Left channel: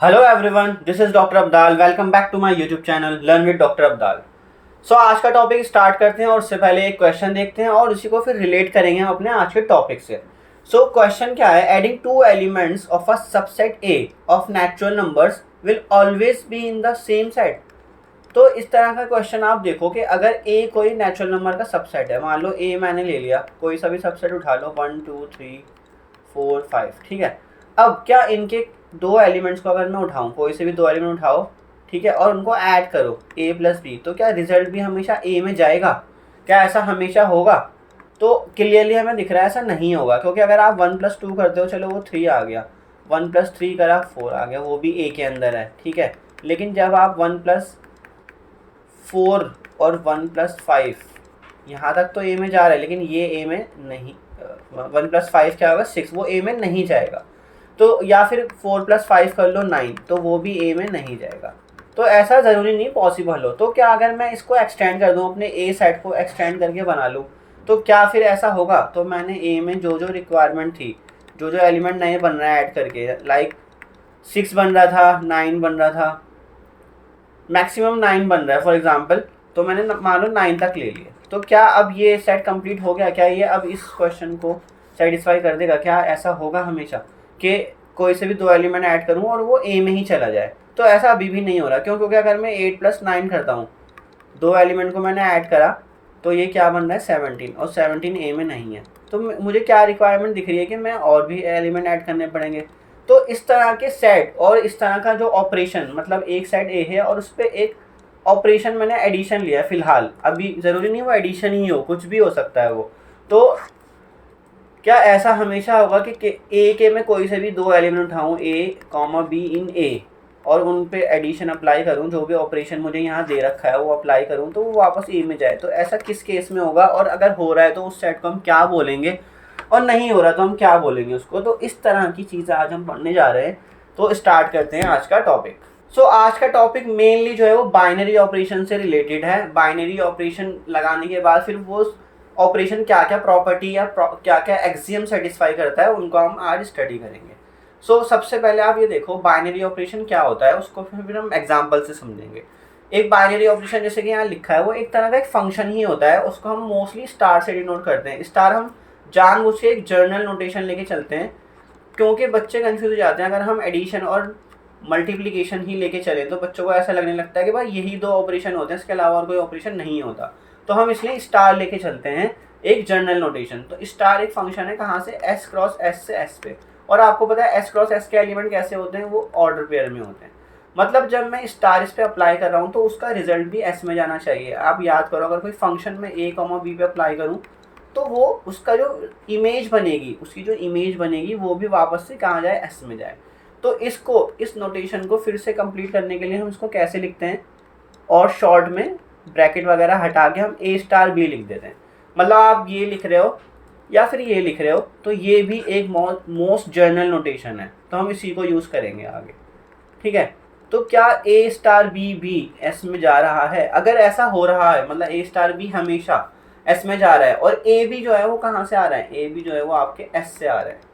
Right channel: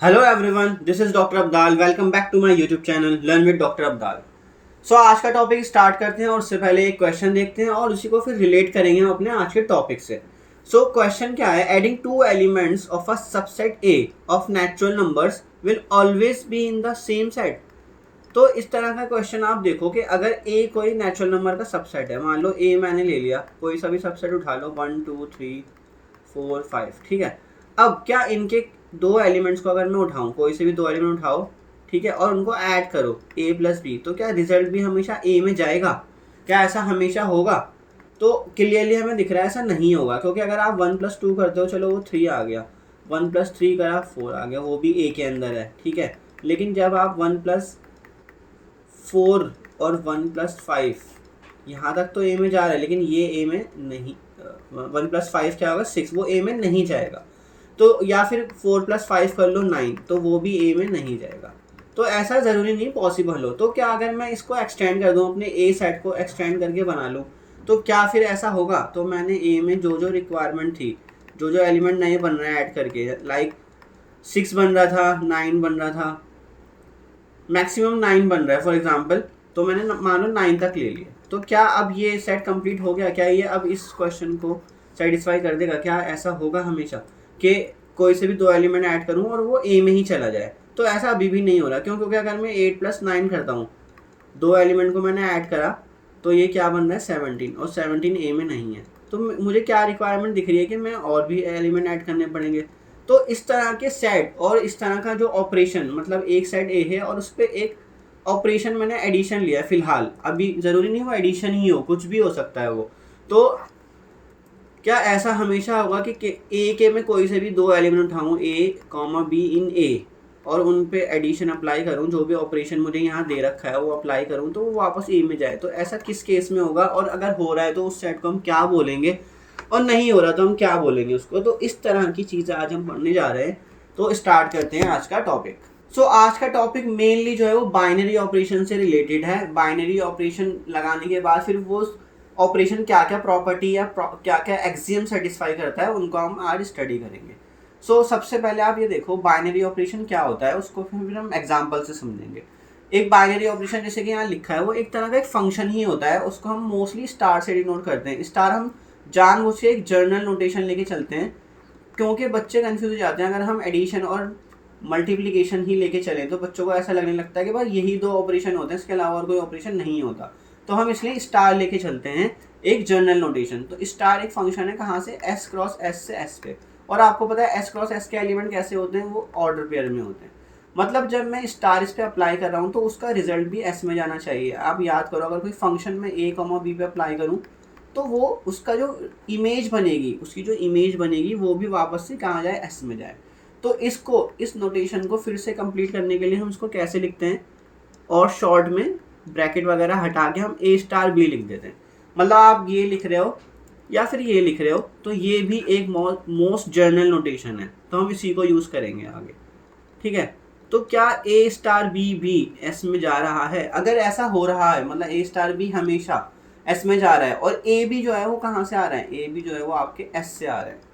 Hello everyone, this is doctor Abdal. Welcome back to my YouTube channel learn with doctor Abdal. So आज का topic start करते हैं और उससे पहले एक क्वेश्चन देखते हैं और उसी को फिर रिलेट करेंगे हम अपने आज के टॉपिक से। सो क्वेश्चन क्या है? Adding two elements of a subset A of natural numbers will always be in the same set. तो इस तरह का क्वेश्चन आप देखो कि अगर ए कोई नेचुरल नंबर का सबसेट है, मान लो ए मैंने ले लिया, कोई सा भी सबसेट उठा लो, 1 2 3 4 5, ठीक है। अब क्या इनके दो एलिमेंट्स को अगर मैं उठाऊं, कोई से भी दो एलिमेंट उठाओ, ठीक है, और उनको ऐड करो ए प्लस बी, तो क्या रिजल्ट भी हमेशा ए में जाएगा? क्या ऐसा हमेशा होगा? तो क्लियरली हमें दिख रहा है ऐसा नहीं होगा, क्योंकि अगर आप 1 + 2 करते हो, चलो वो 3 आ गया, 1 + 3 करा 4 आ गया, वो भी ए के अंदर है, ठीक है। लेकिन जब आप 1 + 4 और 1 + 5, यहाँ तक तो ए में जा रहा है, लेकिन ये ए में नहीं। 1 + 5 क्या होगा? 6, वो ए में नहीं जाएगा। तो या फिर 4 + 5 कर लो 9, तो वो भी ए में नहीं जाएगा। तो ऐसा ज़रूरी नहीं पॉसिबल हो। तो क्या अगर मैं इसको एक्सटेंड कर दूँ, अपने ए सेट को एक्सटेंड करके बना लूँ, तो क्या फिर ऐसा होगा? तो मैंने ए में जो जो रिक्वायरमेंट थी, जो जो एलिमेंट नए बन रहा है ऐड करके, लाइक 6 बन रहा था, 9 बन रहा था, मैक्सिमम 9 बन रहा है फॉर एग्जांपल, तो मैंने मान लो 9 तक ले लिया, तो क्या अब ये सेट कंप्लीट हो गया? क्या ये अब इस क्वेश्चन को सेटिस्फाई कर देगा? क्या ऐसा होगा हमेशा कि कोई से भी दो एलिमेंट ऐड करूँ और वो ए में ही चला जाए? तो ऐसा अभी भी नहीं हो रहा। क्यों? क्योंकि अगर मैं 8 + 9 करता हूँ, दो एलिमेंट को मैंने ऐड करा, तो ये क्या बन रहा है? 17, और 17 ए में नहीं है। तो मुझे क्या रिक्वायरमेंट दिख रही है कि मैं और भी एलिमेंट ऐड करने पड़ेंगे। तो इस तरह के सेट और इस तरह का जो ऑपरेशन, मतलब एक सेट ए है और उस पर एक ऑपरेशन मैंने एडिशन लिया है फिलहाल, अभी ज़रूरी नहीं वो एडिशन ही हो, कुछ भी हो सकता है वो। तो क्या ऐसा हमेशा होगा कि ए के में कोई से भी दो एलिमेंट उठाऊँ, A comma B in A, और उन पे एडिशन अप्लाई करूँ, जो भी ऑपरेशन मुझे यहाँ दे रखा है वो अप्लाई करूँ, तो वो वापस ए में जाए? तो ऐसा किस केस में होगा? और अगर हो रहा है तो उस सेट को हम क्या बोलेंगे, और नहीं हो रहा तो हम क्या बोलेंगे उसको? तो इस तरह की चीज़ें आज हम पढ़ने जा रहे हैं। तो स्टार्ट करते हैं आज का टॉपिक। सो आज का टॉपिक मेनली जो है वो बाइनरी ऑपरेशन से रिलेटेड है। बाइनरी ऑपरेशन लगाने के बाद फिर वो ऑपरेशन क्या क्या प्रॉपर्टी या क्या क्या एक्सियम सेटिस्फाई करता है, उनको हम आज स्टडी करेंगे। सो सबसे पहले आप ये देखो बाइनरी ऑपरेशन क्या होता है, उसको फिर हम एग्जांपल से समझेंगे। एक बाइनरी ऑपरेशन जैसे कि यहाँ लिखा है, वो एक तरह का एक फंक्शन ही होता है। उसको हम मोस्टली स्टार से डिनोट करते हैं। स्टार हम जानबूझ के एक जर्नल नोटेशन लेके चलते हैं, क्योंकि बच्चे कंफ्यूज हो जाते हैं। अगर हम एडिशन और मल्टीप्लिकेशन ही लेके चलें तो बच्चों को ऐसा लगने लगता है कि भाई यही दो ऑपरेशन होते हैं, इसके अलावा और कोई ऑपरेशन नहीं होता। तो हम इसलिए स्टार लेके चलते हैं, एक जर्नल नोटेशन। तो स्टार एक फंक्शन है, कहाँ से? S क्रॉस S से S पे। और आपको पता है S क्रॉस S के एलिमेंट कैसे होते हैं? वो ऑर्डर पेयर में होते हैं। मतलब जब मैं स्टार इस पे अप्लाई कर रहा हूँ तो उसका रिजल्ट भी S में जाना चाहिए। आप याद करो, अगर कोई फंक्शन में A, B पे अप्लाई करूँ, तो वो उसका जो इमेज बनेगी, उसकी जो इमेज बनेगी वो भी वापस से कहाँ जाए? S में जाए। तो इसको, इस नोटेशन को फिर से कंप्लीट करने के लिए हम इसको कैसे लिखते हैं? और शॉर्ट में ब्रैकेट वगैरह हटा के हम A*B लिख देते हैं। मतलब आप ये लिख रहे हो या फिर ये लिख रहे हो, तो ये भी एक मोस्ट जर्नल नोटेशन है, तो हम इसी को यूज़ करेंगे आगे, ठीक है। तो क्या A*B भी S में जा रहा है? अगर ऐसा हो रहा है, मतलब A*B हमेशा S में जा रहा है, और A भी जो है वो कहाँ से आ रहा है? A भी जो है वो आपके S से आ रहा है,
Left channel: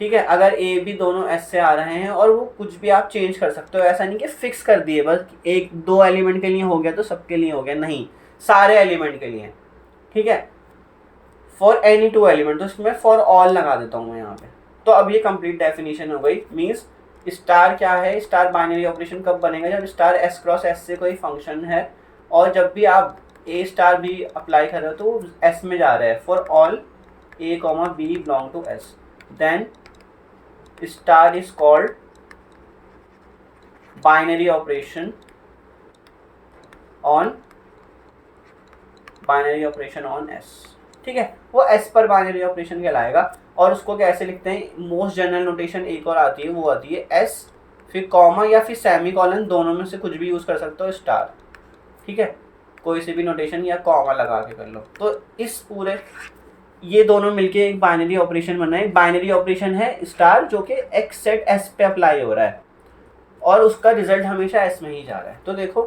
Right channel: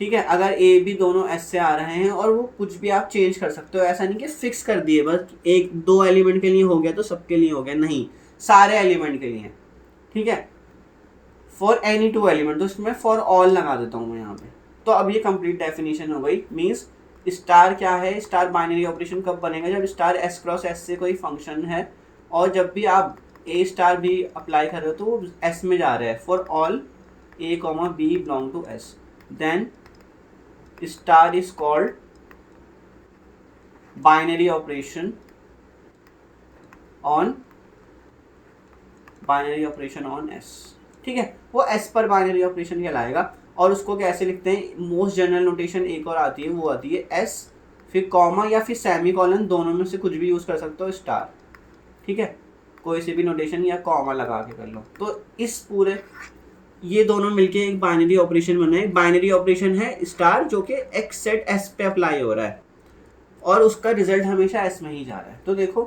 ठीक है। अगर ए बी दोनों एस से आ रहे हैं, और वो कुछ भी आप चेंज कर सकते हो, ऐसा नहीं कि फिक्स कर दिए बस एक दो एलिमेंट के लिए हो गया तो सबके लिए हो गया, नहीं, सारे एलिमेंट के लिए, ठीक है। फॉर एनी टू एलिमेंट, तो इसमें फॉर ऑल लगा देता हूँ मैं यहाँ पे। तो अब ये कंप्लीट डेफिनेशन हो गई। मीन्स स्टार क्या है? स्टार बाइनरी ऑपरेशन कब बनेगा? जब स्टार S क्रॉस S से कोई फंक्शन है, और जब भी आप A*B अप्लाई कर रहे हो तो वो S में जा रहा है। For all A, B belong to S, then star is called binary operation on S, ठीक है। वो S पर बाइनरी ऑपरेशन कहलाएगा। और उसको कैसे लिखते हैं? मोस्ट जनरल नोटेशन एक और आती है, वो आती है S फिर कॉमा या फिर सेमी कॉलन, दोनों में से कुछ भी यूज़ कर सकते हो, स्टार, ठीक है। कोई से भी नोटेशन या कॉमा लगा के कर लो। तो इस पूरे, ये दोनों मिलके एक बाइनरी ऑपरेशन बना है। बाइनरी ऑपरेशन है स्टार, जो कि एक सेट S पे अप्लाई हो रहा है, और उसका रिजल्ट हमेशा S में ही जा रहा है। तो देखो,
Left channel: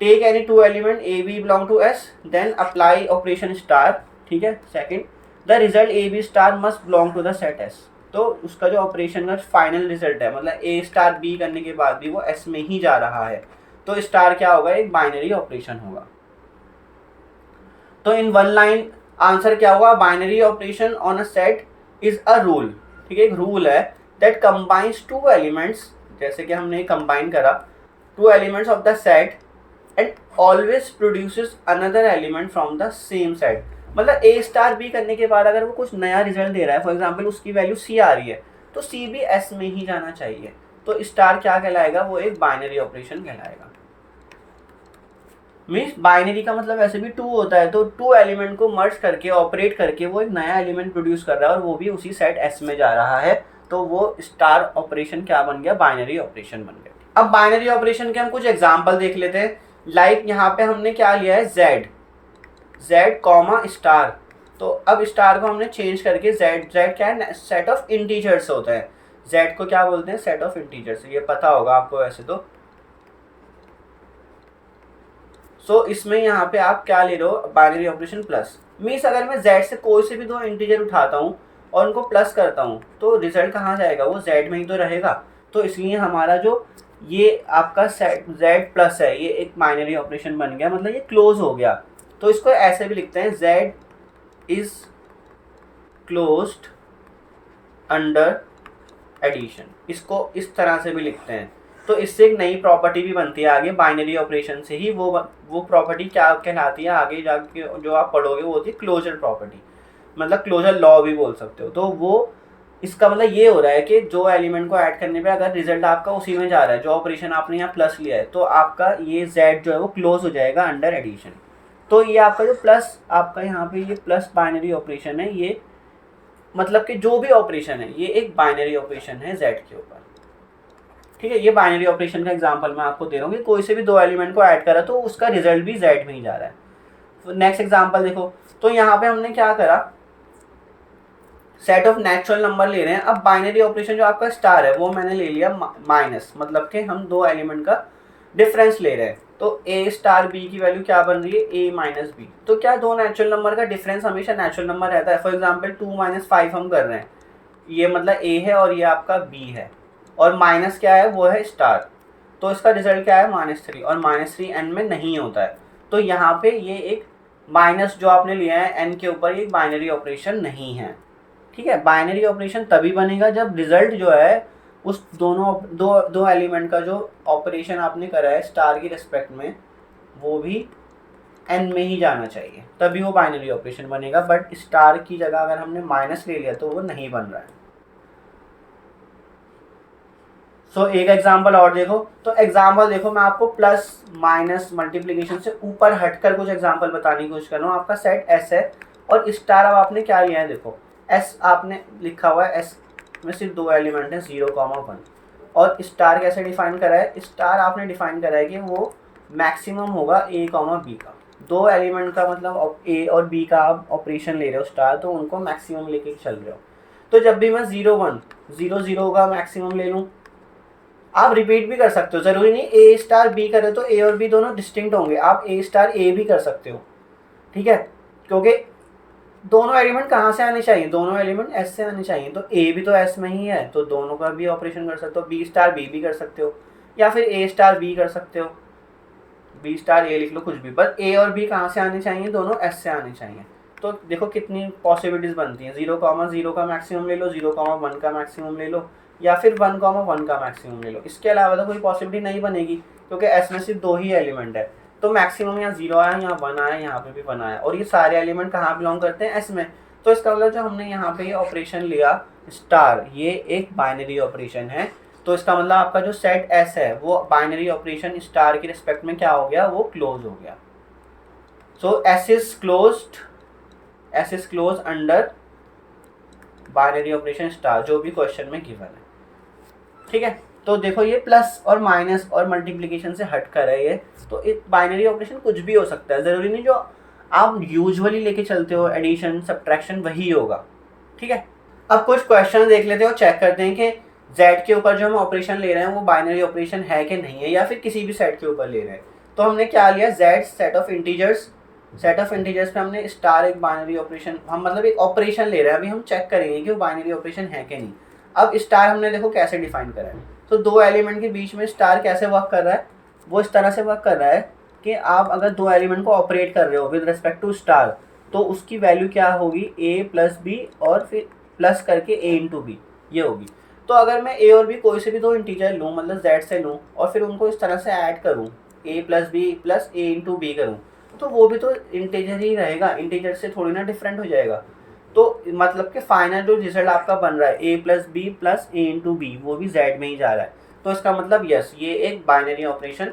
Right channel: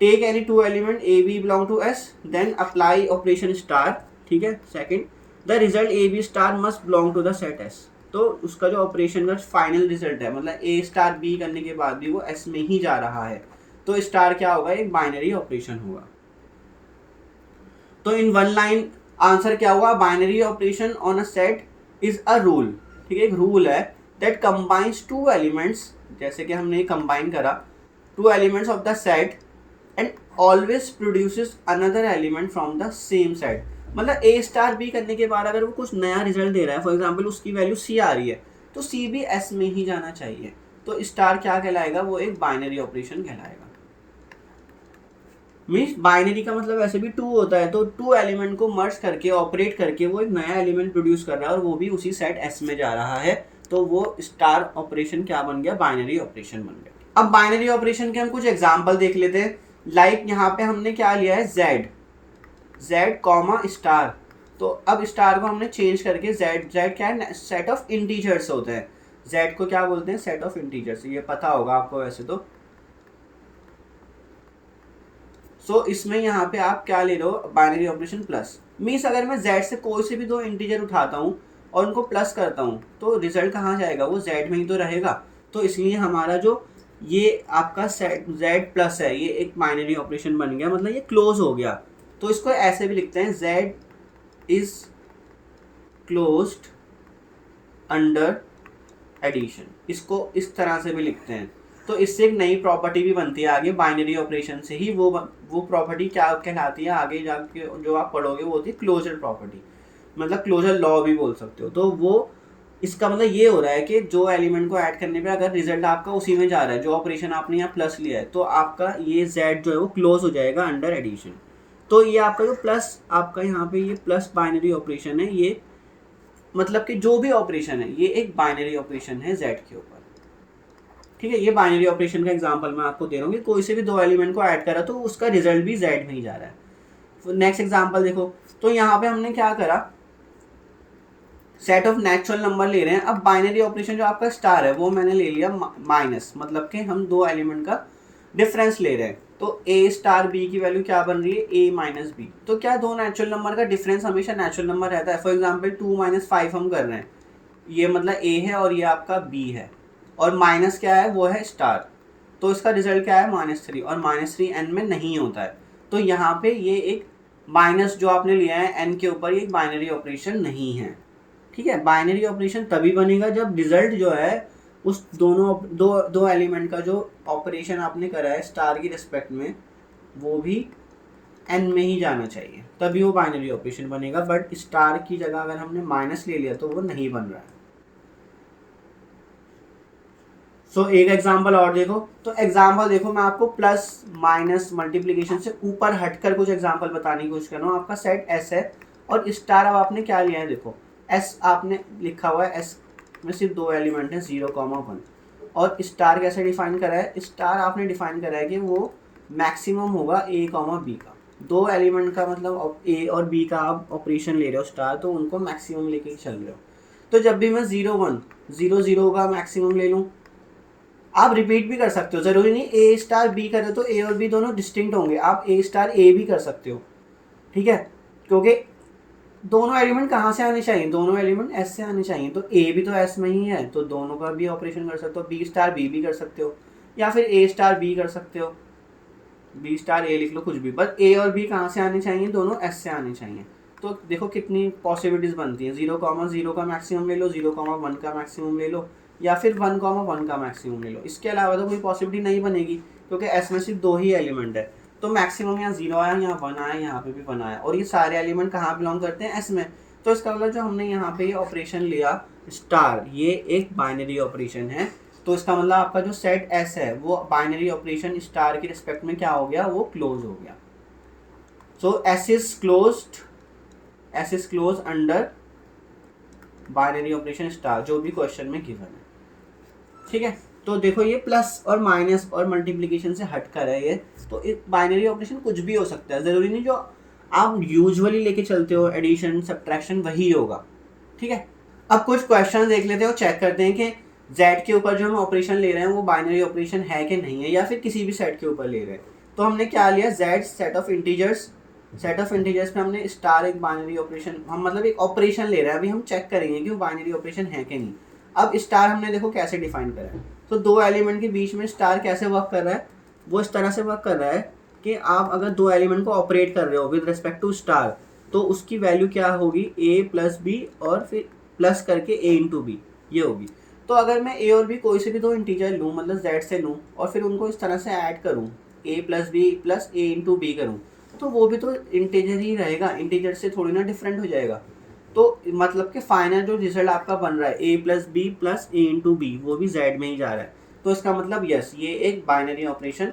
take any two element A B belong to S, then apply operation star, ठीक है। Second, the result A B star must belong to the set S। तो उसका जो ऑपरेशन का फाइनल रिजल्ट है, मतलब ए स्टार बी करने के बाद भी वो एस में ही जा रहा है, तो स्टार क्या होगा, एक बाइनरी ऑपरेशन होगा। तो इन वन लाइन आंसर क्या होगा, binary operation on a set is a rule. ठीक है, एक रूल है दैट कंबाइंस टू एलिमेंट्स, जैसे कि हमने कंबाइन करा two elements of the set and always produces another element from the same set. मतलब ए स्टार बी करने के बाद अगर वो कुछ नया रिजल्ट दे रहा है, फॉर एग्जाम्पल उसकी वैल्यू सी आ रही है, तो सी भी एस में ही जाना चाहिए, तो स्टार क्या कहलाएगा, वो एक बाइनरी ऑपरेशन कहलाएगा। मीन्स बाइनरी का मतलब वैसे भी 2 होता है, तो 2 एलिमेंट को मर्ज करके ऑपरेट करके वो एक नया एलिमेंट प्रोड्यूस कर रहा है और वो भी उसी सेट एस में जा रहा है, तो वो स्टार ऑपरेशन क्या बन गया, बाइनरी ऑपरेशन बन गया। अब बाइनरी ऑपरेशन के हम कुछ एग्जांपल देख लेते हैं। लाइक यहाँ पे हमने क्या लिया है, जेड कॉमा स्टार, तो अब स्टार को हमने चेंज करके जेड क्या है, सेट ऑफ इंटीजर्स होता है, जेड को क्या बोलते हैं, सेट ऑफ इंटीजर्स, ये पता होगा आपको वैसे तो। सो इसमें यहाँ पे आप क्या ले लो, बाइनरी ऑपरेशन प्लस। मीन्स अगर मैं z से कोई से भी 2 इंटीजर उठाता हूँ और उनको प्लस करता हूँ तो रिजल्ट कहाँ जाएगा, वो z में ही तो रहेगा। तो इसलिए हमारा जो ये आपका सेट z प्लस है, ये एक बाइनरी ऑपरेशन बन गया, मतलब ये क्लोज हो गया। तो इसको ऐसे भी लिखते हैं, z is closed under addition, इसको इस तरह से भी लिखते हैं। तो इससे एक नई प्रॉपर्टी भी बनती है आगे, बाइनरी ऑपरेशन से ही वो प्रॉपर्टी क्या कहलाती है, आगे जाके जो आप पढ़ोगे वो होती है क्लोजर प्रॉपर्टी, मतलब क्लोजर लॉ भी बोल सकते हो। तो वो इसका मतलब ये हो रहा है कि जो एलिमेंट को ऐड करने पे अगर रिजल्ट आपका उसी में जा रहा है, जो ऑपरेशन आपने यहाँ प्लस लिया है, तो आपका ये z जो है वो क्लोज हो जाएगा अंडर एडिशन। तो ये आपका जो प्लस, आपका यहाँ पे ये प्लस बाइनरी ऑपरेशन है, ये मतलब कि जो भी ऑपरेशन है ये एक बाइनरी ऑपरेशन है z के ऊपर। ठीक है, ये बाइनरी ऑपरेशन का एग्जांपल मैं आपको दे रहा हूँ कि कोई से भी 2 एलिमेंट को ऐड करा तो उसका रिजल्ट भी z में ही जा रहा है। नेक्स्ट एग्जांपल देखो, तो यहाँ पे हमने क्या करा, सेट ऑफ नेचुरल नंबर ले रहे हैं। अब बाइनरी ऑपरेशन जो आपका स्टार है वो मैंने ले लिया माइनस, मतलब कि हम 2 एलिमेंट का डिफरेंस ले रहे हैं। तो ए स्टार बी की वैल्यू क्या बन रही है, ए माइनस बी। तो क्या 2 नेचुरल नंबर का डिफरेंस हमेशा नेचुरल नंबर रहता है। फॉर एग्जाम्पल 2 - 5 हम कर रहे हैं, ये मतलब ए है और ये आपका बी है, और माइनस क्या है, वो है स्टार। तो इसका रिजल्ट क्या है, -3, और -3 n में नहीं होता है। तो यहाँ पे ये एक माइनस जो आपने लिया है n के ऊपर, ये बाइनरी ऑपरेशन नहीं है। ठीक है, बाइनरी ऑपरेशन तभी बनेगा जब रिजल्ट जो है उस दो एलिमेंट का जो ऑपरेशन आपने करा है स्टार की रिस्पेक्ट में, वो भी n में ही जाना चाहिए, तभी वो बाइनरी ऑपरेशन बनेगा। बट स्टार की जगह अगर हमने माइनस ले लिया तो वो नहीं बन रहा है। सो एक एग्जाम्पल और देखो, तो एग्जाम्पल देखो, मैं आपको प्लस माइनस मल्टीप्लीकेशन से ऊपर हटकर कुछ एग्जाम्पल बताने की कोशिश कर रहा हूँ। आपका सेट एस है और स्टार अब आपने क्या लिया है, देखो एस आपने लिखा हुआ है, एस में सिर्फ 2 एलिमेंट हैं 0,1, और स्टार कैसे डिफाइन करा है, स्टार आपने डिफाइन करा है कि वो मैक्सिमम होगा a, b का। 2 एलिमेंट का मतलब a और b का आप ऑपरेशन ले रहे हो स्टार, तो उनको मैक्सिमम लेके चल रहे हो। तो जब भी मैं 0, 1, 0, 0 का मैक्सिमम ले लूँ, आप रिपीट भी कर सकते हो, ज़रूरी नहीं ए स्टार बी करे तो ए और बी दोनों डिस्टिंक्ट होंगे, आप ए स्टार ए भी कर सकते हो। ठीक है, क्योंकि दोनों एलिमेंट कहाँ से आने चाहिए, दोनों एलिमेंट एस से आने चाहिए, तो ए भी तो एस में ही है, तो दोनों का भी ऑपरेशन कर सकते हो। बी स्टार बी भी कर सकते हो, या फिर ए स्टार बी कर सकते हो, बी स्टार ए लिख लो, कुछ भी, बस ए और बी कहाँ से आने चाहिए, दोनों एस से आने चाहिए। तो देखो कितनी पॉसिबिलिटीज़ बनती हैं, 0,0 का मैक्सिमम ले लो, 0,1 का मैक्सिमम ले लो, या फिर 1,1 का मैक्सिमम ले लो। इसके अलावा तो कोई पॉसिबिलिटी नहीं बनेगी, क्योंकि एस में सिर्फ 2 ही एलिमेंट है। तो मैक्सिमम यहाँ 0 आया, यहाँ 1 आया, यहाँ पे भी 1 आया, और ये सारे एलिमेंट कहाँ बिलोंग करते हैं, एस में। तो इसका मतलब जो हमने यहाँ पे ये ऑपरेशन लिया स्टार, ये एक बाइनरी ऑपरेशन है। तो इसका मतलब आपका जो सेट एस है वो बाइनरी ऑपरेशन स्टार की रिस्पेक्ट में क्या हो गया, वो क्लोज हो गया। So S is close under binary operation star, जो भी क्वेश्चन में गिवन है। ठीक है, तो देखो ये प्लस और माइनस और मल्टीप्लिकेशन से हट कर है ये, तो एक बाइनरी ऑपरेशन कुछ भी हो सकता है, ज़रूरी नहीं जो आप यूजुअली लेके चलते हो एडिशन सब्ट्रैक्शन वही होगा। ठीक है, अब कुछ क्वेश्चन देख लेते हो, चेक करते हैं कि z के ऊपर जो हम ऑपरेशन ले रहे हैं वो बाइनरी ऑपरेशन है कि नहीं है, या फिर किसी भी सेट के ऊपर ले रहे हैं। तो हमने क्या लिया, z सेट ऑफ इंटीजर्स पे हमने स्टार एक बाइनरी ऑपरेशन, हम मतलब एक ऑपरेशन ले रहे हैं, अभी हम चेक करेंगे कि वो बाइनरी ऑपरेशन है कि नहीं। अब स्टार हमने देखो कैसे डिफाइन करा है, तो दो एलिमेंट के बीच में स्टार कैसे वर्क कर रहा है, वो इस तरह से वर्क कर रहा है कि आप अगर दो एलिमेंट को ऑपरेट कर रहे हो विद रिस्पेक्ट टू स्टार, तो उसकी वैल्यू क्या होगी, a प्लस बी और फिर प्लस करके a इंटू बी, ये होगी। तो अगर मैं a और b कोई से भी दो इंटीजर लूँ, मतलब z से लूँ, और फिर उनको इस तरह से ऐड करूँ, a plus B plus a into B करूँ, तो वो भी तो इंटीजर ही रहेगा, इंटीजर से थोड़ी ना डिफरेंट हो जाएगा। तो मतलब कि फाइनल जो रिजल्ट आपका बन रहा है a plus B plus a into B, वो भी z में ही जा रहा है। तो इसका मतलब यस, ये एक बाइनरी ऑपरेशन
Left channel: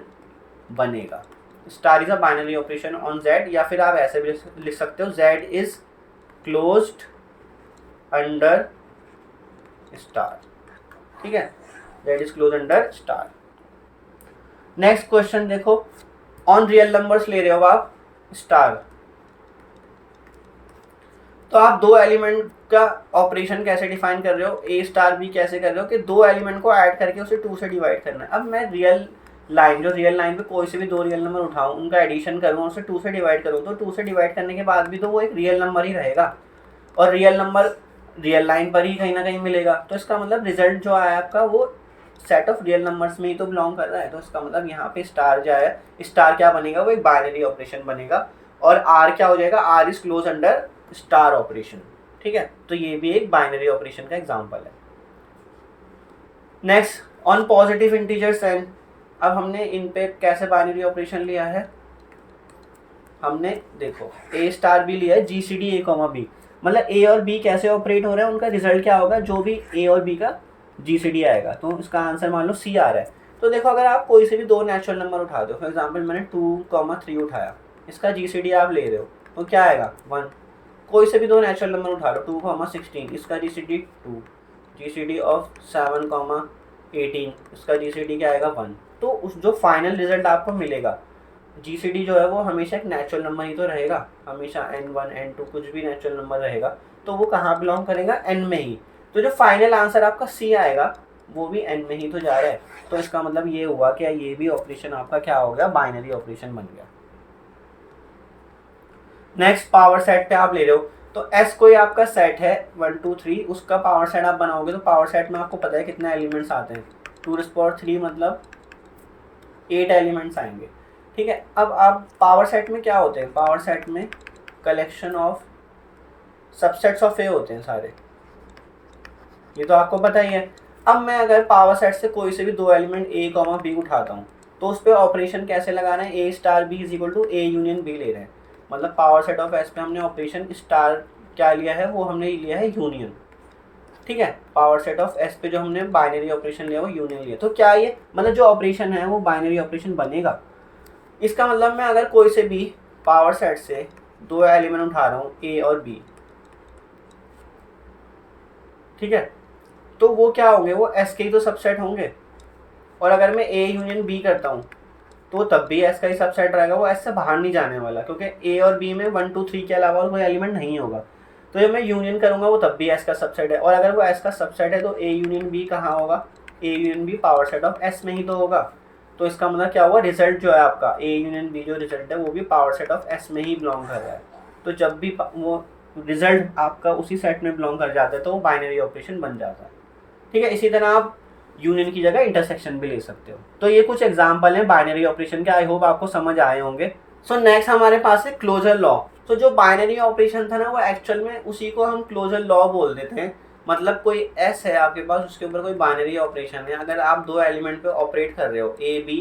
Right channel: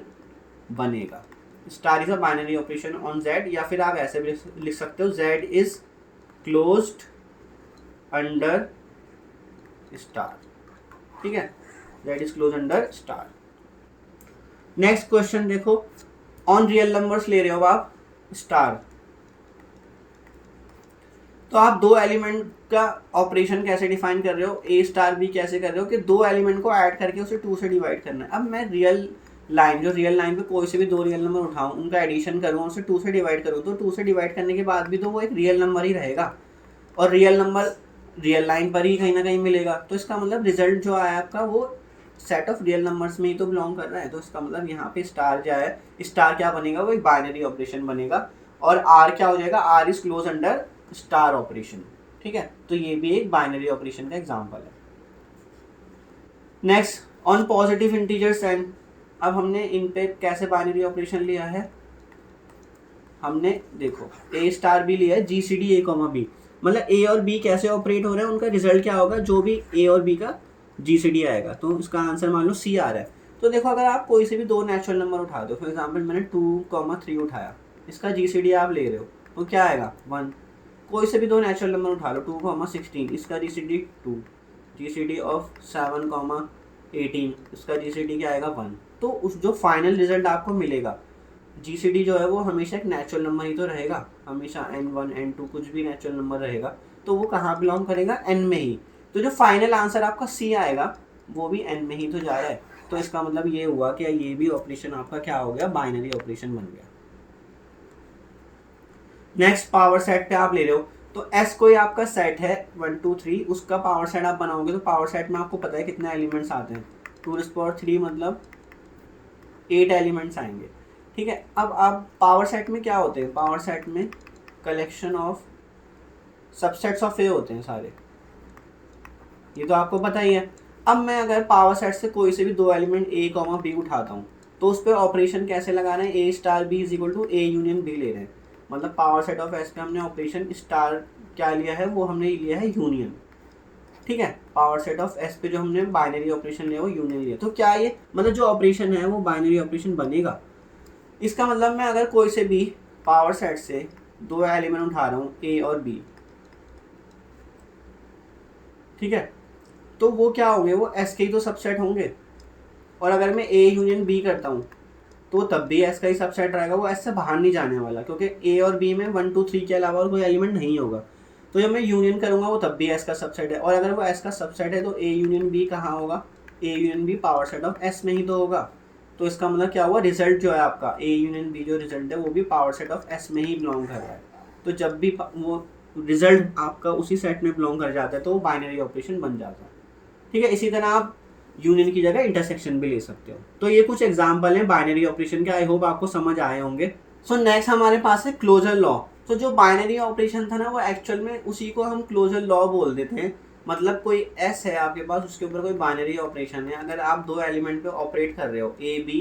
बनेगा। Star is a binary operation on z, या फिर आप ऐसे भी लिख सकते हो z is closed under star. ठीक है, z is close under star. Next question देखो, ऑन रियल नंबर्स ले रहे हो आप स्टार, तो आप दो एलिमेंट का ऑपरेशन कैसे डिफाइन कर रहे हो, a स्टार b कैसे कर रहे हो कि दो एलिमेंट को ऐड करके उसे 2 से डिवाइड करना है। अब मैं रियल लाइन, जो रियल लाइन पे कोई से भी दो रियल नंबर उठाऊं, उनका एडिशन करूं और उसे 2 से डिवाइड करूं, तो 2 से डिवाइड करने के बाद भी तो वो एक रियल नंबर ही रहेगा, और रियल नंबर रियल लाइन पर ही कहीं ना कहीं मिलेगा। तो इसका मतलब रिजल्ट जो आया आपका वो सेट ऑफ रियल नंबर्स में ही तो बिलोंग कर रहा है। तो इसका मतलब यहाँ पे स्टार जो है, स्टार क्या बनेगा, वो एक बाइनरी ऑपरेशन बनेगा, और आर क्या हो जाएगा, R is close under star operation. ठीक है, तो ये भी एक बाइनरी ऑपरेशन का एग्जांपल है। Next, on positive integers and, अब हमने इन पे कैसे बाइनरी ऑपरेशन लिया है, हमने देखो a स्टार भी लिया है, GCD a कॉमा b, मतलब a और b कैसे ऑपरेट हो रहे हैं, उनका रिजल्ट क्या होगा, जो भी a और b का GCD आएगा, तो इसका आंसर मान लो C आ रहा है। तो देखो अगर आप कोई से भी दो नेचुरल नंबर उठा दो, फॉर एग्जाम्पल मैंने 2,3 उठाया, इसका GCD आप ले रहे हो, तो क्या आएगा 1। कोई से भी दो नेचुरल नंबर उठा लो, 2,16, इसका GCD 2, GCD ऑफ 7,18, इसका GCD क्या आएगा 1। तो उस जो फाइनल रिजल्ट आपको मिलेगा, GCD जो है वो हमेशा एक नेचुरल नंबर ही तो रहेगा, हमेशा n1 n2 कुछ भी नेचुरल नंबर रहेगा, तो वो कहाँ बिलोंग करेगा, n में ही। तो जो फाइनल आंसर आपका C आएगा वो भी n में ही तो जा रहा है। तो इसका मतलब ये हुआ कि ये भी ऑपरेशन आपका क्या हो गया, बाइनरी ऑपरेशन बन गया। नेक्स्ट, पावर सेट पे आप ले रहे हो, तो S कोई आपका सेट है 1 2 3, उसका पावर सेट आप बनाओगे, तो पावर सेट में आपको पता है कितने एलिमेंट्स आते हैं, 2⁻³ मतलब 8 एलिमेंट्स आएंगे। ठीक है, अब आप पावर सेट में क्या होते हैं, पावर सेट में कलेक्शन ऑफ सबसेट्स ऑफ ए होते हैं सारे, ये तो आपको पता ही है। अब मैं अगर पावर सेट से कोई से भी दो एलिमेंट a कॉमा b उठाता हूँ, तो उस पर ऑपरेशन कैसे लगाना है, a star b is equal to a union b ले रहे हैं, मतलब पावर सेट ऑफ S पे हमने ऑपरेशन स्टार क्या लिया है, वो हमने लिया है यूनियन। ठीक है, पावर सेट ऑफ S पे जो हमने बाइनरी ऑपरेशन लिया वो यूनियन लिया, तो क्या ये मतलब जो ऑपरेशन है वो बाइनरी ऑपरेशन बनेगा। इसका मतलब मैं अगर कोई से भी पावर सेट से दो एलिमेंट उठा रहा हूँ a और b, ठीक है, तो वो क्या होंगे, वो S के ही तो सबसेट होंगे, और अगर मैं a यूनियन b करता हूँ तो तब भी S का ही सबसेट रहेगा, वो S से बाहर नहीं जाने वाला, क्योंकि a और b में 1 2 3 के अलावा और कोई एलिमेंट नहीं होगा। तो जब मैं यूनियन करूँगा वो तब भी S का सबसेट है, और अगर वो S का सबसेट है तो a यूनियन b कहाँ होगा, a union b power set of S में ही तो होगा। तो इसका मतलब क्या हुआ, रिजल्ट जो है आपका a यूनियन b जो रिजल्ट है वो भी पावर सेट ऑफ S में ही बिलोंग कर रहा है। तो जब भी वो रिजल्ट आपका उसी सेट में बिलोंग कर जाता है तो वो बाइनरी ऑपरेशन बन जाता है। ठीक है, इसी तरह आप यूनियन की जगह इंटरसेक्शन भी ले सकते हो। तो ये कुछ एग्जांपल हैं बाइनरी ऑपरेशन के, आई होप आपको समझ आए होंगे। सो नेक्स्ट हमारे पास है क्लोजर लॉ। तो जो बाइनरी ऑपरेशन था ना, वो एक्चुअल में उसी को हम क्लोजर लॉ बोल देते हैं। मतलब कोई S है आपके पास, उसके ऊपर कोई बाइनरी ऑपरेशन है, अगर आप दो एलिमेंट पे ऑपरेट कर रहे हो A B,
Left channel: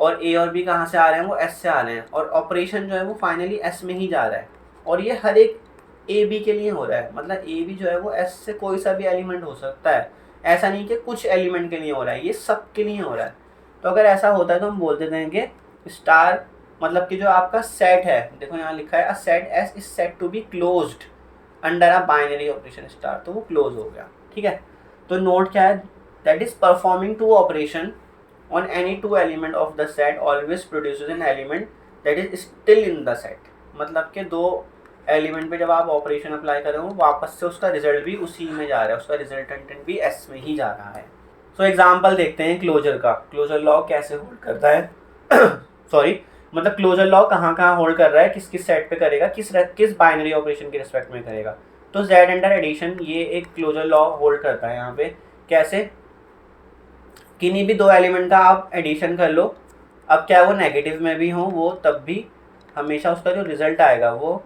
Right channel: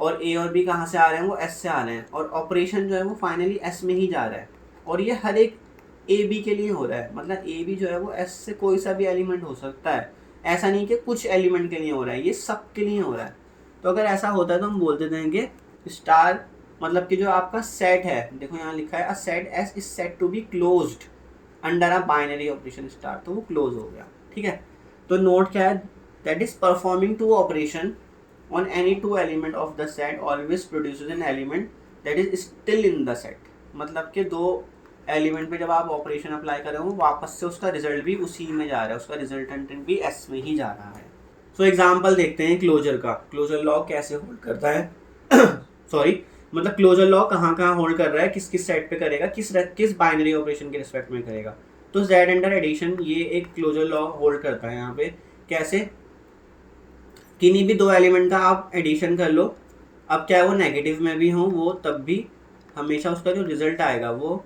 और A और B कहाँ से आ रहे हैं, वो S से आ रहे हैं, और ऑपरेशन जो है वो फाइनली S में ही जा रहा है, और ये हर एक A B के लिए हो रहा है। मतलब A B जो है वो S से कोई सा भी एलिमेंट हो सकता है, ऐसा नहीं कि कुछ एलिमेंट के लिए हो रहा है, ये सब के लिए हो रहा है। तो अगर ऐसा होता है तो हम बोल देते हैं कि स्टार मतलब कि जो आपका सेट है, देखो यहाँ लिखा है a set S is set to be closed under a binary operation star, तो वो क्लोज हो गया। ठीक है, तो नोट क्या है, that is performing two operation on any two element of the set always produces an element that is still in the set. मतलब कि दो एलिमेंट पे जब आप ऑपरेशन अप्लाई कर रहे हो, वापस से उसका रिजल्ट भी उसी में जा रहा है, उसका रिजल्टेंट भी S में ही जा रहा है। सो एग्जांपल देखते हैं क्लोजर का, क्लोजर लॉ कैसे होल्ड करता है सॉरी, मतलब क्लोजर लॉ कहाँ कहाँ होल्ड कर रहा है, किस किस सेट पे करेगा, किस बाइनरी ऑपरेशन के रिस्पेक्ट में करेगा। तो जेड अंडर एडिशन ये एक क्लोजर लॉ होल्ड करता है यहाँ पे। कैसे? किन्हीं भी दो एलिमेंट का आप एडिशन कर लो, अब क्या वो नेगेटिव में भी हो वो तब भी हमेशा उसका जो रिजल्ट आएगा वो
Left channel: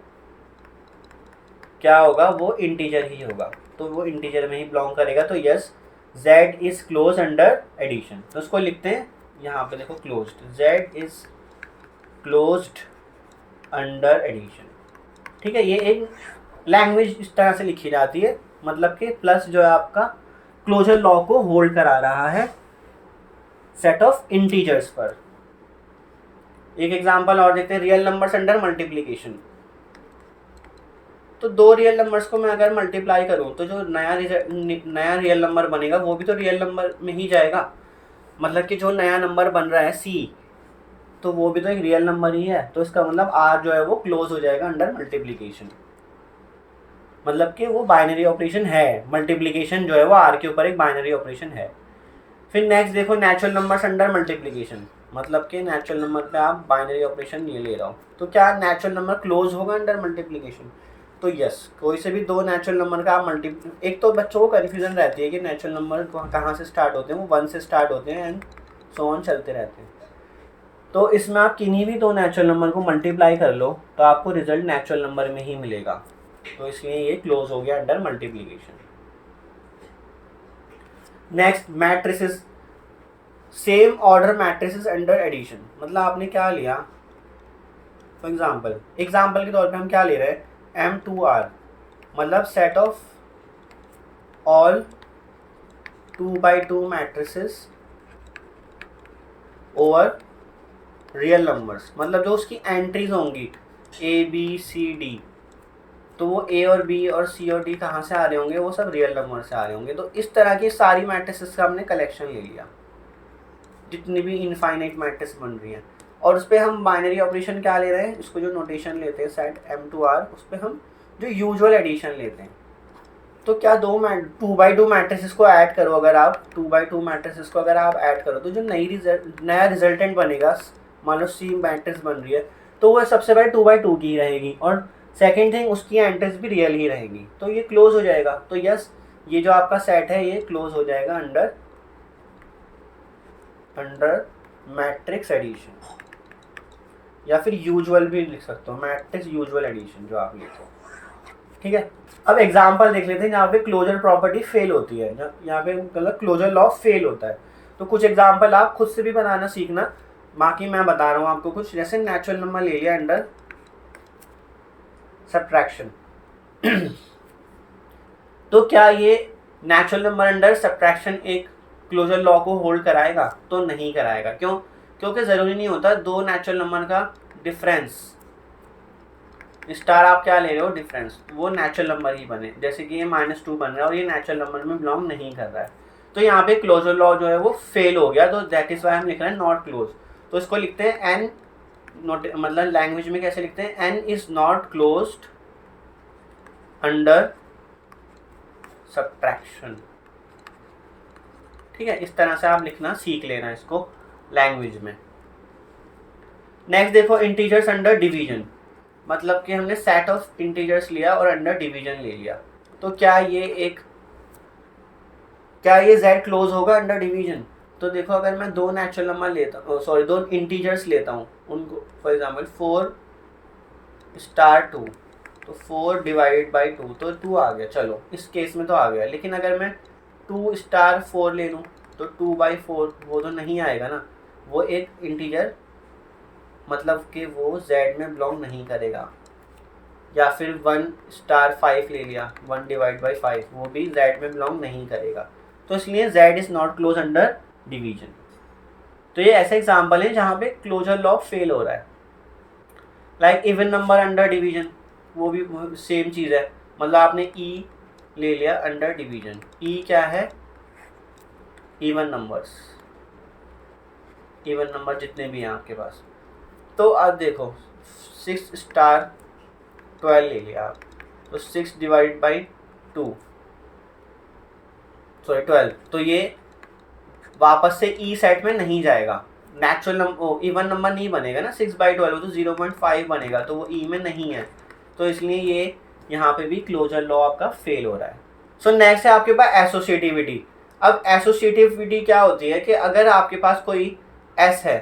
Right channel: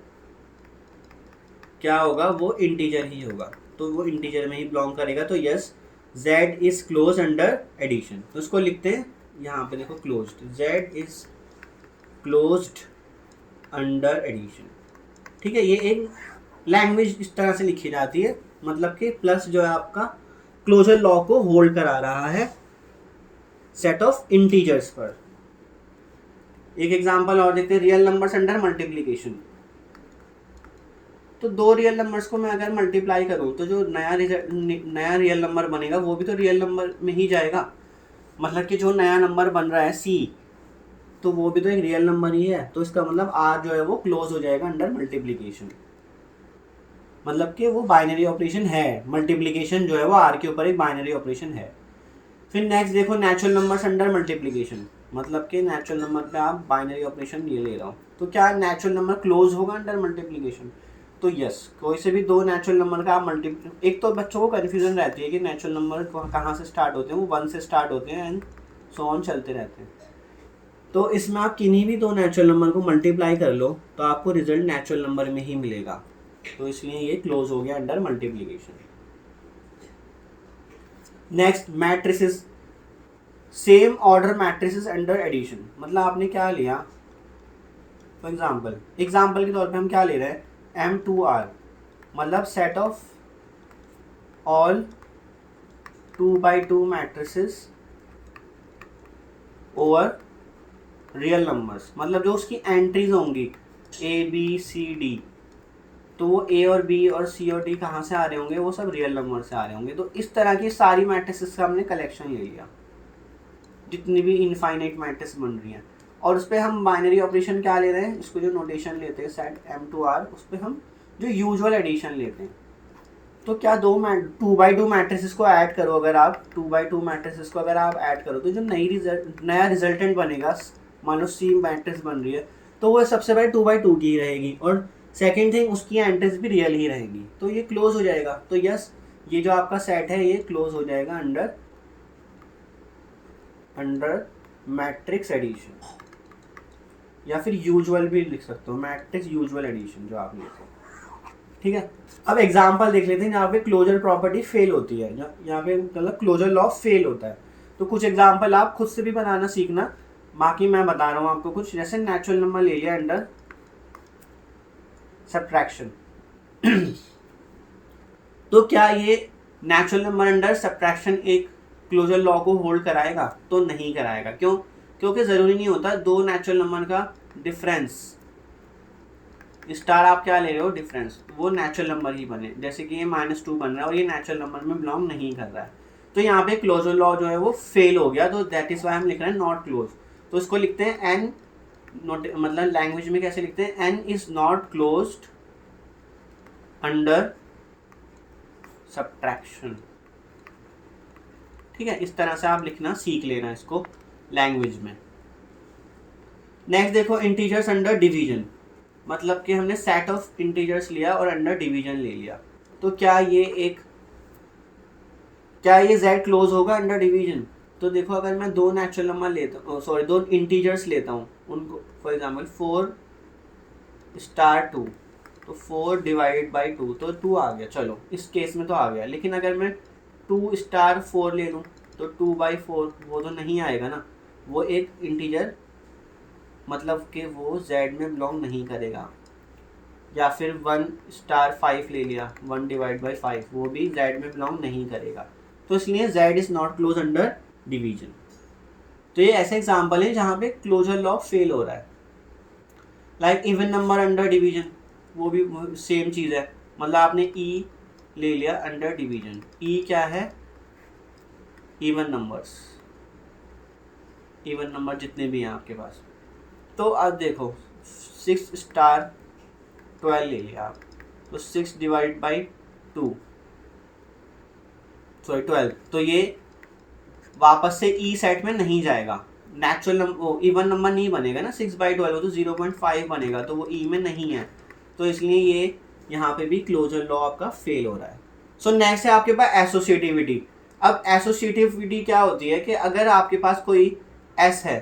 क्या होगा, वो इंटीजर ही होगा, तो वो इंटीजर में ही बिलोंग करेगा। तो yes, z is close under addition. तो उसको लिखते हैं यहाँ पे, देखो closed, z is closed under addition. ठीक है, ये एक लैंग्वेज इस तरह से लिखी जाती है, मतलब कि प्लस जो है आपका क्लोजर लॉ को होल्ड करा रहा है सेट ऑफ इंटीजर्स पर। एक एग्जांपल और देखते हैं, रियल नंबर्स अंडर मल्टीप्लिकेशन। तो दो रियल नंबर्स को मैं अगर मल्टीप्लाई करूं तो जो नया रियल नंबर बनेगा वो भी तो रियल नंबर में ही जाएगा। मतलब कि जो नया नंबर बन रहा है c, तो वो भी तो एक रियल नंबर ही है। तो इसका मतलब r जो है वो क्लोज हो जाएगा अंडर मल्टीप्लिकेशन, मतलब कि वो बाइनरी ऑपरेशन है। मल्टीप्लिकेशन जो है वो r के ऊपर एक बाइनरी ऑपरेशन है। फिर नेक्स्ट देखो, नेचुरल नंबर्स अंडर मल्टीप्लिकेशन, मतलब कि नेचुरल नंबर पे आप बाइनरी ऑपरेशन ये ले रहा हूँ, तो क्या नेचुरल नंबर क्लोज होगा अंडर मल्टीप्लिकेशन? तो यस, कोई से भी दो नेचुरल नंबर का आप एक तो बच्चों को कन्फ्यूजन रहती है कि नेचुरल नंबर कहाँ से स्टार्ट होते हैं, वो 1 से स्टार्ट होते हैं एंड सो ऑन चलते रहते हैं। तो इसमें आप किन्हीं भी दो नेचुरल नंबर को मल्टीप्लाई कर लो तो आपको रिजल्ट नेचुरल नंबर में ही मिलेगा, तो इसलिए ये क्लोज हो गया under multiplication. Next, matrices, same order matrices under addition. मतलब आपने क्या लिया, फॉर एग्जाम्पल के तौर पे हम क्या ले रहे हैं, M2R, मतलब set of all 2x2 matrices over real numbers. मतलब जो उसकी एंट्रीज होंगी ABCD, तो वो A और B और C और D कहाँ से आ रहे होंगे, वो सब रियल नंबर से आ रहे होंगे। तो इस तरह की सारी मैट्रिसेस का हमने कलेक्शन ले लिया, जितनी भी इनफाइनाइट मैट्रिक्स बन रही हैं, और उस पर हम बाइनरी ऑपरेशन क्या ले रहे हैं, इसको जो नोटेशन लेते हैं सेट M2R, उस पर हम जो यूजुअल एडिशन लेते हैं। तो क्या 2x2 मैट्रिसेस को ऐड करो, अगर आप 2x2 मैट्रिसेस को अगर आप ऐड करो तो जो नया रिजल्टेंट बनेगा, मान लो C मैट्रिक्स बन रही है, तो वो सबसे पहले 2x2 की ही रहेगी, और सेकेंड थिंग उसकी एंट्रीज भी रियल ही रहेंगी, तो ये क्लोज हो जाएगा। तो यस, ये जो आपका सेट है ये क्लोज हो जाएगा अंडर मैट्रिक्स एडिशन, या फिर यूजुअल भी लिख सकते हो, मैट्रिक्स यूजुअल एडिशन जो आप लिखो। ठीक है, अब एग्जांपल देख लेते हैं जहाँ पे क्लोजर प्रॉपर्टी फेल होती है, यहाँ पे मतलब क्लोजर लॉ फेल होता है। तो कुछ एग्जांपल आप खुद से भी बनाना सीखना, बाकी मैं बता रहा हूँ आपको कुछ। जैसे नेचुरल नंबर ले लिया अंडर सब्ट्रैक्शन तो क्या ये नेचुरल नंबर अंडर सब्ट्रैक्शन एक क्लोजर लॉ को होल्ड कराएगा? तो नहीं कराएगा। क्यों? क्योंकि ज़रूरी नहीं होता दो नेचुरल नंबर का डिफरेंस, स्टार आप क्या ले रहे हो, डिफरेंस, वो नेचुरल नंबर ही बने। जैसे कि ये -2 बन रहा है और ये नेचुरल नंबर में बिलोंग नहीं कर रहा है, तो यहाँ पे क्लोजर लॉ जो है वो फेल हो गया, तो दैट इज वाई हम लिख रहे हैं नॉट क्लोज। तो इसको लिखते हैं n, नोट मतलब लैंग्वेज में कैसे लिखते हैं, n is not closed under subtraction. ठीक है, इस तरह से आप लिखना सीख लेना इसको लैंग्वेज में। नेक्स्ट देखो, इंटीजर्स अंडर डिवीजन, मतलब कि हमने सेट ऑफ इंटीजर्स लिया और अंडर डिवीजन ले लिया, तो क्या ये z क्लोज होगा अंडर डिवीजन? तो देखो, अगर मैं दो नेचुरल नंबर लेता हूँ, दो इंटीजर्स लेता हूँ, उनको फॉर एग्जांपल 4*2, तो 4 डिवाइड बाई 2, तो 2 आ गया, चलो इस केस में तो आ गया। लेकिन अगर मैं 2*4 ले लूँ तो 2/4 वो तो नहीं आएगा ना, वो एक इंटीजर मतलब कि वो z में बिलोंग नहीं करेगा। या फिर 1*5 ले लिया, 1 डिवाइड बाई 5, वो भी z में बिलोंग नहीं करेगा। तो इसलिए z is not close under division. तो ये ऐसे एग्जाम्पल है जहाँ पे क्लोजर लॉ फेल हो रहा है। Like even number under division, वो भी सेम चीज़ है, मतलब आपने e ले लिया अंडर डिवीजन। e क्या है, इवन नंबर्स, इवन नंबर जितने भी हैं आपके पास। तो अब देखो 6*12 ले लिया आप, तो 6 डिवाइड बाई 2, 12, तो ये वापस से ई सेट में नहीं जाएगा, नेचुरल नंबर इवन नंबर नहीं बनेगा ना, 6/12 तो 0.5 बनेगा, तो वो ई में नहीं है, तो इसलिए ये यहाँ पे भी क्लोजर लॉ आपका फेल हो रहा है। सो नेक्स्ट है आपके पास एसोसिएटिविटी। अब एसोसिएटिविटी क्या होती है कि अगर आपके पास कोई एस है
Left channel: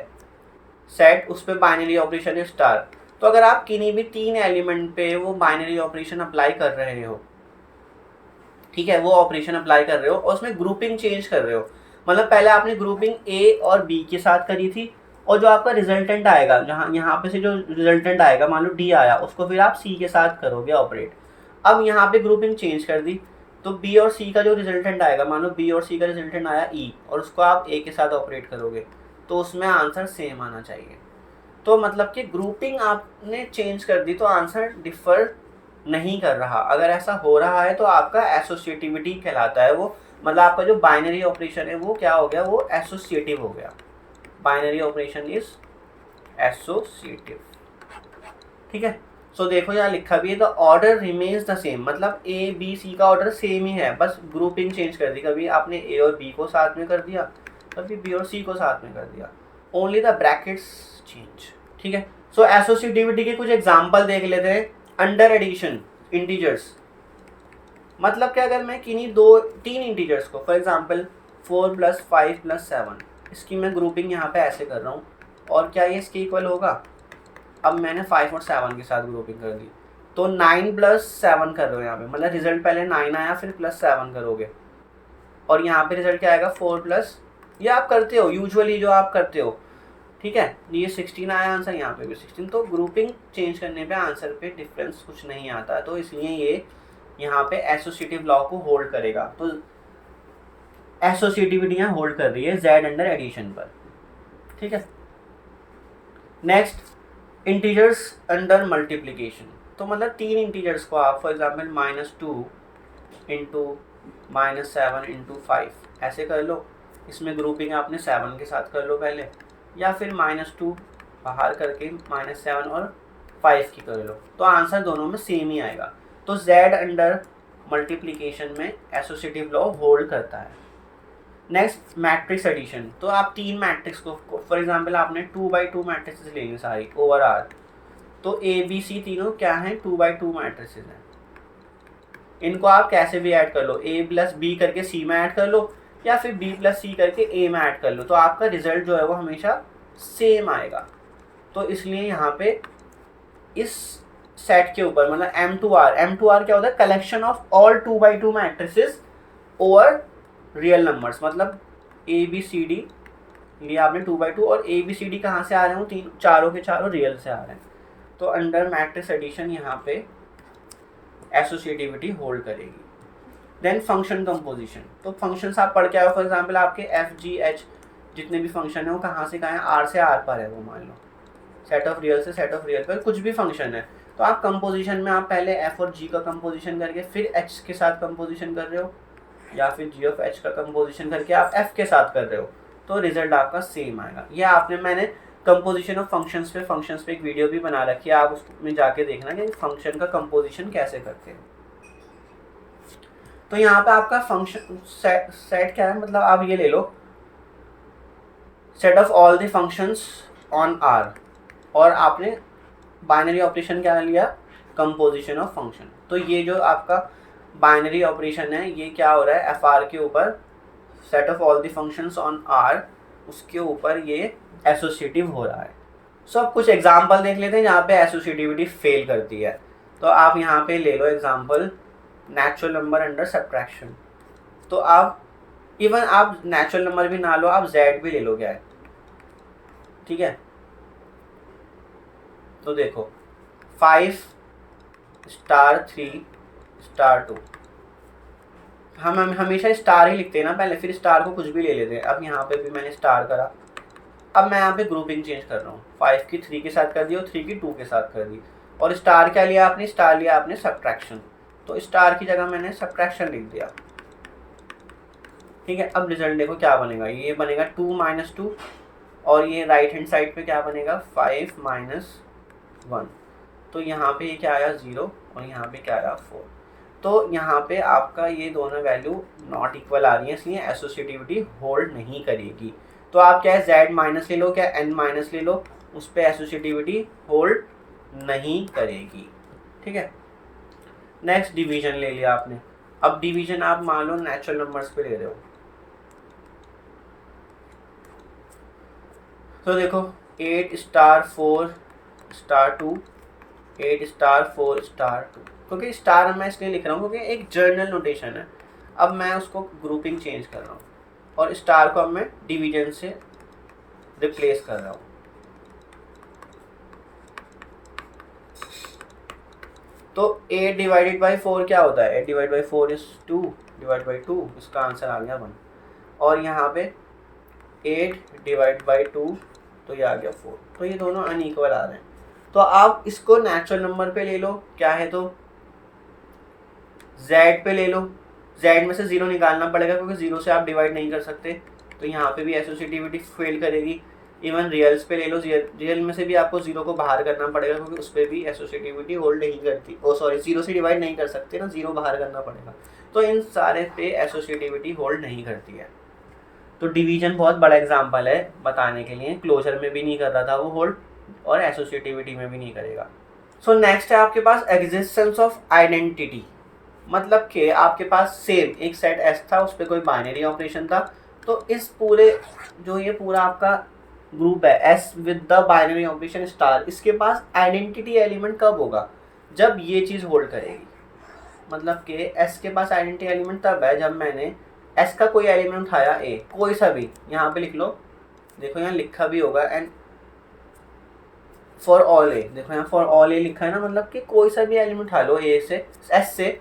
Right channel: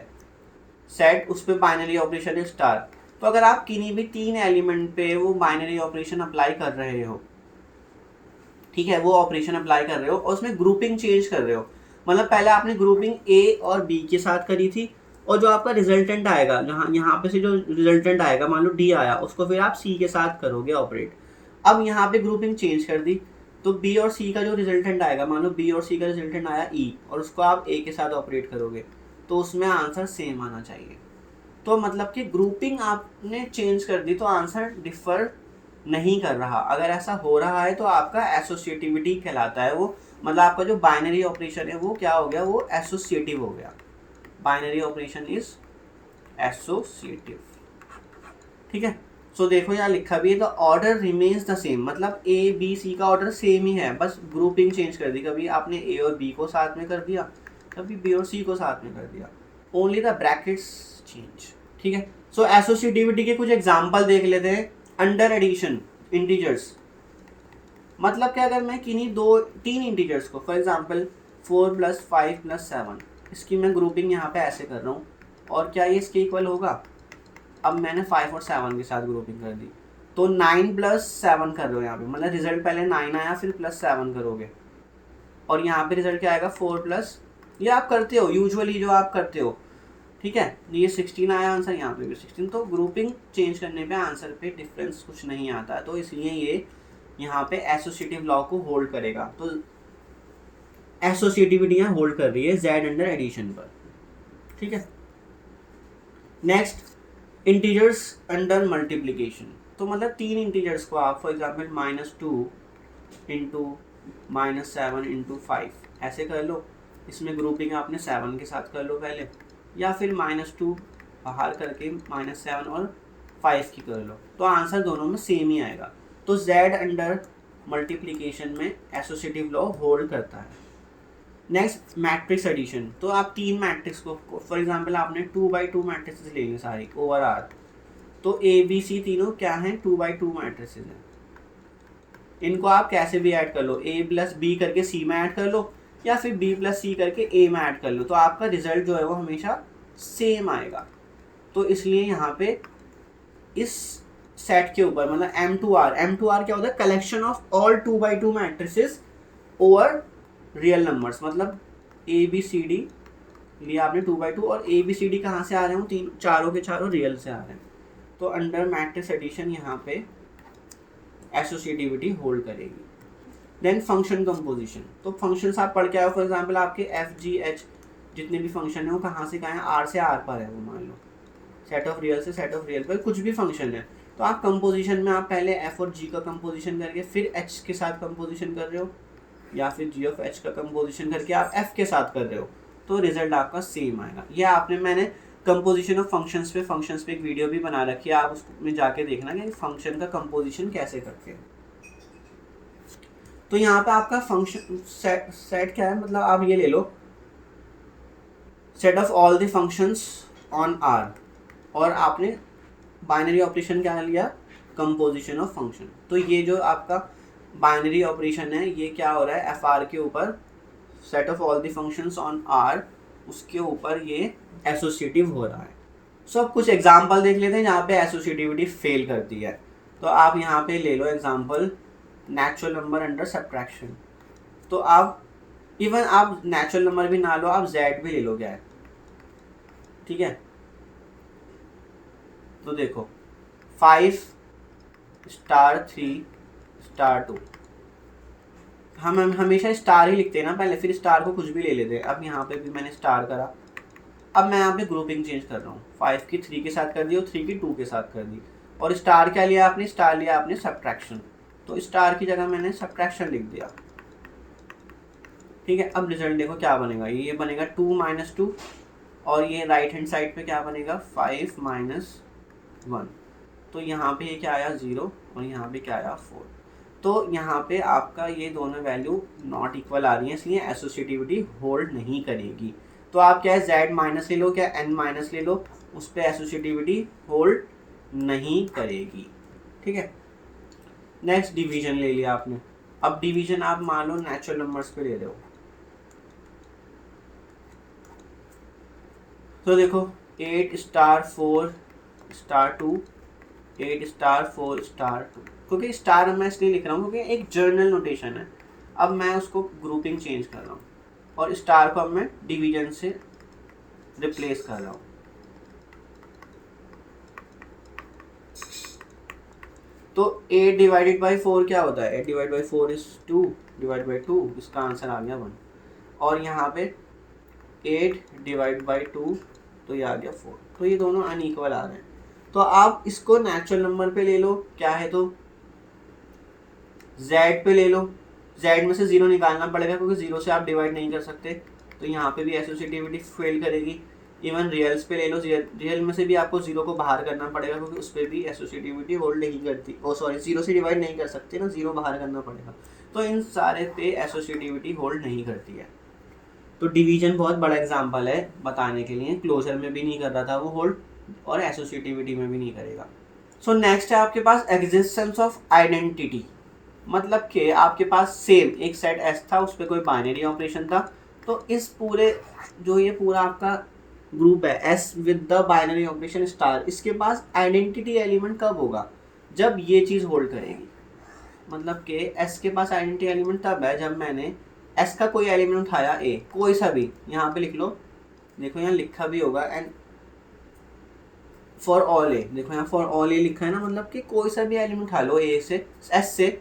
सेट, उस पर बाइनरी ऑपरेशन है स्टार, तो अगर आप किन्हीं भी 3 एलिमेंट पे वो बाइनरी ऑपरेशन अप्लाई कर रहे हो, ठीक है, वो ऑपरेशन अप्लाई कर रहे हो और उसमें ग्रुपिंग चेंज कर रहे हो, मतलब पहले आपने ग्रुपिंग ए और बी के साथ करी थी, और जो आपका रिजल्टेंट आएगा, जहाँ यहाँ पे से जो रिजल्टेंट आएगा, मान लो डी आया, उसको फिर आप सी के साथ करोगे ऑपरेट। अब यहाँ पे ग्रुपिंग चेंज कर दी, तो बी और सी का जो रिजल्टेंट आएगा, मान लो बी और सी का रिजल्टेंट आया ई, और उसको आप ए के साथ ऑपरेट करोगे, तो उसमें आंसर सेम आना चाहिए। तो मतलब कि ग्रुपिंग आपने चेंज कर दी तो आंसर डिफर नहीं कर रहा। अगर ऐसा हो रहा है तो आपका एसोसिएटिविटी कहलाता है वो, मतलब आपका जो बाइनरी ऑपरेशन है वो क्या हो गया, वो एसोसिएटिव हो गया। बाइनरी ऑपरेशन इज एसोसिएटिव, ठीक है। सो देखो यहाँ लिखा भी है, the order remains the same, मतलब ए बी सी का ऑर्डर सेम ही है, बस ग्रुपिंग चेंज कर दी, कभी आपने ए और बी को साथ में कर दिया, कभी बी और सी को साथ में कर दिया, ओनली द ब्रैकेट्स चेंज, ठीक है। सो एसोसिएटिविटी के कुछ एग्जांपल देख लेते हैं। अंडर एडिशन इंटीजर्स, मतलब क्या, अगर मैं किन्हीं 2-3 इंटीजर्स को, फॉर एग्जांपल 4 + 5 + 7, इसकी मैं ग्रुपिंग यहाँ पे ऐसे कर रहा हूँ, और क्या ये इसके इक्वल होगा। अब मैंने 5 और 7 के साथ ग्रुपिंग कर दी, तो 9 + 7 कर रहे हो यहाँ पे, मतलब रिजल्ट पहले 9 आया फिर +7 करोगे, और यहाँ पे रिजल्ट क्या आएगा 4+, ये आप करते हो यूजुअली जो आप करते हो, ठीक है। ये 16 आया आंसर, यहाँ पे भी 16, तो ग्रुपिंग चेंज करने पे आंसर पे डिफरेंस कुछ नहीं आता, तो इसलिए ये यहाँ पे एसोसिएटिव लॉ को होल्ड करेगा। तो एसोसिएटिविटी यहाँ होल्ड कर रही है जेड अंडर एडिशन पर, ठीक है। नेक्स्ट इंटीजर्स अंडर मल्टीप्लिकेशन, तो मतलब 3 इंटीजर्स को आप फॉर एग्जांपल -2 × -7 × 5 ऐसे कर लो, इसमें ग्रुपिंग आपने 7 के साथ कर लो पहले, या फिर -2 बाहर करके -7 और 5 की कर लो, तो आंसर दोनों में सेम ही आएगा। तो z अंडर मल्टीप्लिकेशन में एसोसिएटिव लॉ होल्ड करता है। नेक्स्ट मैट्रिक्स एडिशन, तो आप 3 मैट्रिक्स को फॉर एग्जांपल आपने 2x2 मैट्रिक्स लेंगे सारी ओवर R, तो ए बी सी तीनों क्या हैं, 2x2 मैट्रिक्स हैं। इनको आप कैसे भी ऐड कर लो, a + b करके c में ऐड कर लो, या फिर b + c करके a में ऐड कर लो, तो आपका रिजल्ट जो है वो हमेशा सेम आएगा। तो इसलिए यहाँ पे इस सेट के ऊपर, मतलब M2R क्या होता है, collection of all 2x2 matrices over real numbers, मतलब ABCD लिया आपने 2x2, और ABCD कहाँ से आ रहे हो, चारों के चारों रियल से आ रहे हैं, तो अंडर मैट्रिक्स एडिशन यहाँ पे एसोसिएटिविटी होल्ड करेगी। देन फंक्शन कंपोजिशन, तो फंक्शंस आप पढ़ के आओ, फॉर एग्जांपल आपके FGH जितने भी फंक्शन है वो कहाँ से कहाँ है, R से R पर है, वो मान लो सेट ऑफ रियल से सेट ऑफ रियल पर कुछ भी फंक्शन है, तो आप कंपोजिशन में आप पहले F और G का कंपोजिशन करके फिर H के साथ कंपोजिशन कर रहे हो, या फिर G of H का कंपोजिशन करके आप F के साथ कर रहे हो, तो रिजल्ट आपका सेम आएगा। ये मैंने कंपोजिशन ऑफ फंक्शंस पे एक वीडियो भी बना रखी है, आप उसमें जाके देखना कि फंक्शन का कंपोजिशन कैसे करते हैं। तो यहाँ पे आपका फंक्शन सेट क्या है, मतलब आप ये ले लो, set of all the functions on R, और आपने बाइनरी ऑपरेशन क्या लिया, कंपोजिशन ऑफ फंक्शन। तो ये जो आपका बाइनरी ऑपरेशन है ये क्या हो रहा है, FR के ऊपर set of all the functions on R, उसके ऊपर ये एसोसिएटिव हो रहा है। सो अब कुछ एग्जांपल देख लेते हैं जहाँ पे एसोसिएटिविटी फेल करती है। तो आप यहाँ पे ले लो example natural number under subtraction, तो आप इवन आप नेचुरल नंबर भी ना लो, आप Z भी ले लो, क्या है, ठीक है। तो देखो 5 * 3 * 2, हम हमेशा स्टार ही लिखते हैं ना पहले, फिर स्टार को कुछ भी ले लेते हैं। अब यहाँ पे भी मैंने स्टार करा, अब मैं यहाँ पे ग्रुपिंग चेंज कर रहा हूँ, 5 की 3 के साथ कर दी और 3 की 2 के साथ कर दी, और स्टार क्या लिया आपने, स्टार लिया आपने सब्ट्रैक्शन, तो स्टार की जगह मैंने सब्ट्रैक्शन लिख दिया, ठीक है। अब रिजल्ट देखो क्या बनेगा, ये बनेगा 2 - 2, और ये राइट हैंड साइड पे क्या बनेगा 5 - 1, तो यहाँ पे ये क्या आया 0, और यहाँ पे क्या आया 4, तो यहाँ पे आपका ये दोनों वैल्यू नॉट इक्वल आ रही है, इसलिए एसोसिएटिविटी होल्ड नहीं करेगी। तो आप क्या है Z माइनस ले लो, क्या N माइनस ले लो, उस पर एसोसिएटिविटी होल्ड नहीं करेगी, ठीक है। नेक्स्ट डिवीजन ले लिया आपने। अब डिवीजन आप मान लो नेचुरल नंबर्स पे ले रहे हो, तो देखो 8 स्टार 4 स्टार 2, 8 स्टार 4 स्टार 2, क्योंकि स्टार मैं इसलिए लिख रहा हूँ क्योंकि एक जर्नल नोटेशन है। अब मैं उसको ग्रुपिंग चेंज कर रहा हूँ और स्टार को अब मैं डिवीजन से रिप्लेस कर रहा हूँ। तो 8 डिवाइडेड बाई 4 क्या होता है? 8 divide by 4 is 2 divide by 2, इसका आंसर आ गया 1। और यहाँ पे 8 डिवाइड बाई 2, तो ये आ गया 4। तो ये दोनों अनइक्वल आ रहे हैं। तो आप इसको नेचुरल नंबर पे ले लो, क्या है तो z पे ले लो। z में से 0 निकालना पड़ेगा क्योंकि 0 से आप डिवाइड नहीं कर सकते, तो यहाँ पे भी एसोसिएटिविटी फेल करेगी। इवन रियल्स पे ले लो, रियल में से भी आपको 0 को बाहर करना पड़ेगा क्योंकि उस पर भी एसोसिएटिविटी होल्ड नहीं करती। ओ सॉरी, 0 से डिवाइड नहीं कर सकते ना, 0 बाहर करना पड़ेगा। तो इन सारे पे एसोसिएटिविटी होल्ड नहीं करती है। तो डिवीजन बहुत बड़ा एग्जाम्पल है बताने के लिए, क्लोजर में भी नहीं कर रहा था वो होल्ड, और एसोसिएटिविटी में भी नहीं करेगा। सो नेक्स्ट है आपके पास एग्जिस्टेंस ऑफ आइडेंटिटी। मतलब कि आपके पास सेम एक सेट एस था, उस पर कोई बाइनरी ऑपरेशन था, तो इस पूरे जो ये पूरा आपका ग्रुप है S with the binary operation star, इसके पास आइडेंटिटी एलिमेंट कब होगा? जब ये चीज़ होल्ड करेगी। मतलब कि एस के पास आइडेंटिटी एलिमेंट तब है जब मैंने एस का कोई एलिमेंट उठाया, ए कोई सा भी, यहाँ पे लिख लो, देखो यहाँ लिखा भी होगा, एंड फॉर ऑल ए, देखो यहाँ फॉर ऑल ए लिखा है ना, मतलब कि कोई सा भी एलिमेंट उठा लो ए से, एस से,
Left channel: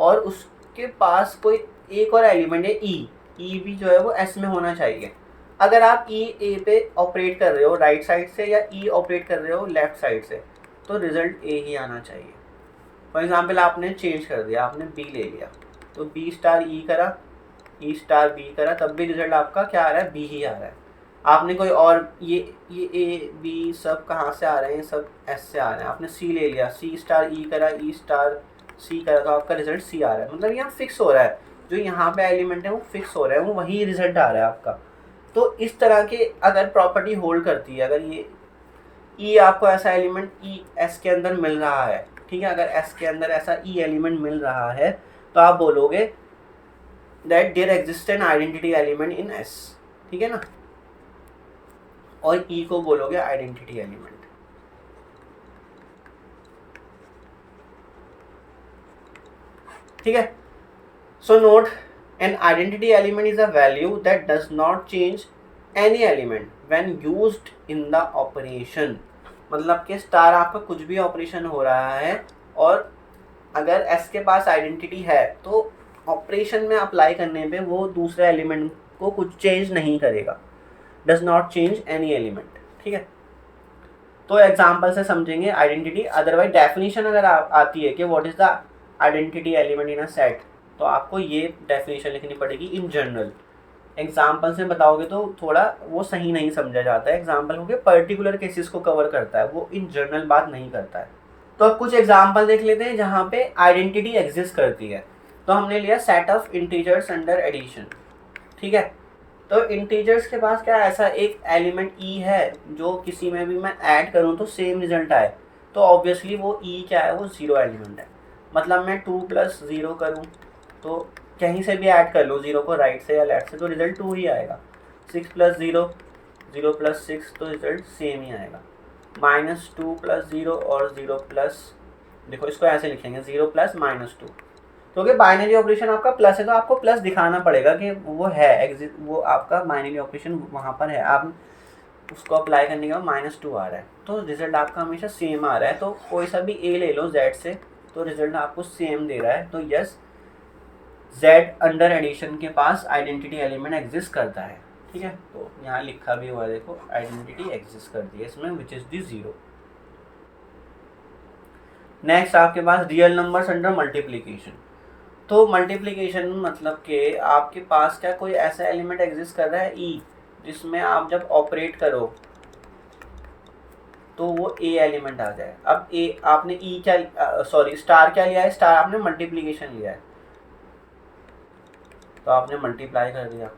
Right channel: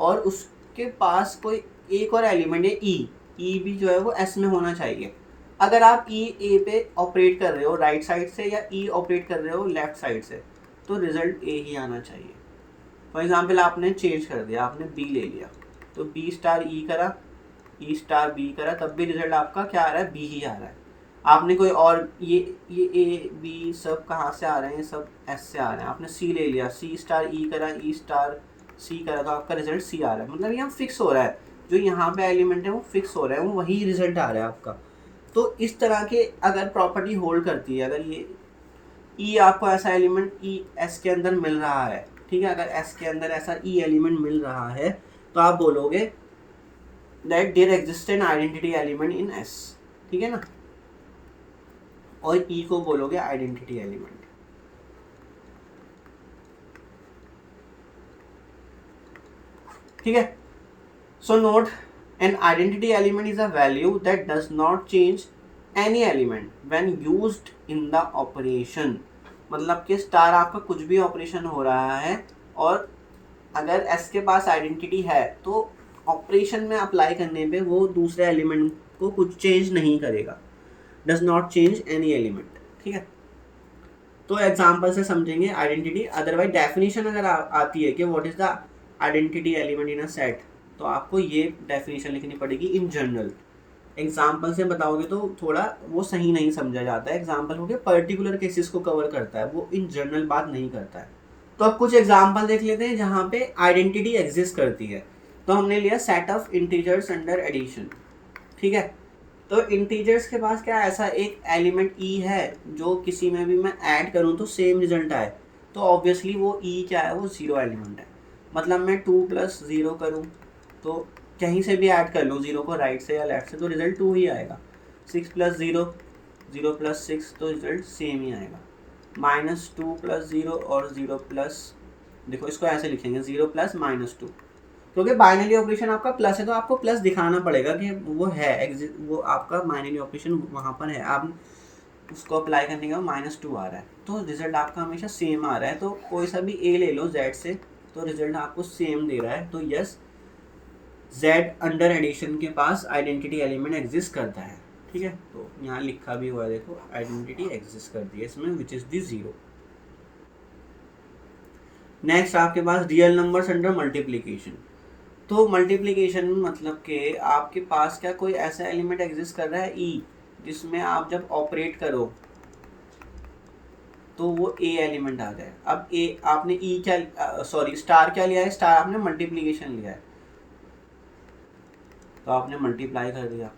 और उसके पास कोई एक और एलिमेंट है ई, ई भी जो है वो एस में होना चाहिए। अगर आप ई ए पे ऑपरेट कर रहे हो राइट साइड से या ई ऑपरेट कर रहे हो लेफ्ट साइड से, तो रिजल्ट ए ही आना चाहिए। फॉर एग्जाम्पल आपने चेंज कर दिया, आपने बी ले लिया, तो बी स्टार ई करा, ई स्टार बी करा, तब भी रिजल्ट आपका क्या आ रहा है? बी ही आ रहा है। आपने कोई और ये ए बी सब कहाँ से आ रहे हैं? सब एस से आ रहे हैं। आपने सी ले लिया, सी स्टार ई करा, ई स्टार सी करा, तो आपका रिजल्ट सी आ रहा है। मतलब यहाँ फिक्स हो रहा है, जो यहाँ पे एलिमेंट है वो फिक्स हो रहा है, वो वही रिजल्ट आ रहा है आपका। तो इस तरह के अगर प्रॉपर्टी होल्ड करती है, अगर ये ई आपको ऐसा एलिमेंट ई एस के अंदर मिल रहा है, ठीक है, अगर एस के अंदर ऐसा ई एलिमेंट मिल रहा है, तो आप बोलोगे that there exist an identity element in S, ठीक है ना, और ई को बोलोगे आइडेंटिटी एलिमेंट। ठीक है, so note, an identity element is a value that does not change any element when used in the operation. मतलब कि स्टार आपका कुछ भी ऑपरेशन हो रहा है और अगर एस के पास आइडेंटिटी है तो ऑपरेशन में अप्लाई करने पे वो दूसरे एलिमेंट को कुछ चेंज नहीं करेगा, does not change any element. ठीक है, तो एग्जाम्पल से समझेंगे आइडेंटिटी। अदरवाइज डेफिनेशन अगर आती है कि what is the identity element in a set, तो आपको ये डेफिनेशन लिखनी पड़ेगी इन जनरल। एग्जाम्पल से बताओगे तो थोड़ा वो सही नहीं समझा जाता है, एग्जाम्पल क्योंकि पर्टिकुलर केसेस को कवर करता है, वो इन जनरल बात नहीं करता है। तो अब कुछ एग्जाम्पल देख लेते हैं जहाँ पे आइडेंटिटी एग्जिस्ट करती है। तो हमने लिया set of integers under addition. ठीक है, तो इंटीजर्स के पास क्या ऐसा एक एलिमेंट ई है जो किसी में भी मैं ऐड करूँ तो सेम रिजल्ट आए, तो ऑब्वियसली वो ई क्या है? वो ज़ीरो एलिमेंट है। मतलब मैं 2 + 0 करूँ तो कहीं से भी ऐड कर लूँ ज़ीरो को, राइट से या लेफ्ट से, तो रिजल्ट 2 ही आएगा। 6 + 0, 0 + 6, तो रिजल्ट सेम ही आएगा। -2 + 0 और 0 प्लस, देखो इसको ऐसे लिखेंगे 0 + -2, क्योंकि बाइनरी ऑपरेशन आपका प्लस है तो आपको प्लस दिखाना पड़ेगा कि वो है, वो आपका बाइनरी ऑपरेशन वहाँ पर है, आप उसको अप्लाई करने के बाद -2 आ रहा है, तो रिजल्ट आपका हमेशा सेम आ रहा है। तो कोई सा भी ए ले लो जेड से, तो रिजल्ट आपको सेम दे रहा है। तो यस, जेड अंडर एडिशन के पास आइडेंटिटी एलिमेंट एग्जिस्ट करता है। ठीक है, तो यहाँ लिखा भी हुआ है, देखो आइडेंटिटी एग्जिस्ट करती है इसमें, विच इज़ दी 0। नेक्स्ट आपके पास रियल नंबर्स अंडर मल्टीप्लीकेशन। तो मल्टीप्लिकेशन मतलब कि आपके पास क्या कोई ऐसा एलिमेंट एग्जिस्ट कर रहा है ई, जिसमें आप जब ऑपरेट करो तो वो ए एलिमेंट आ जाए। अब ए आपने ई क्या सॉरी स्टार क्या लिया है? स्टार आपने मल्टीप्लिकेशन लिया है, तो आपने मल्टीप्लाई कर दिया।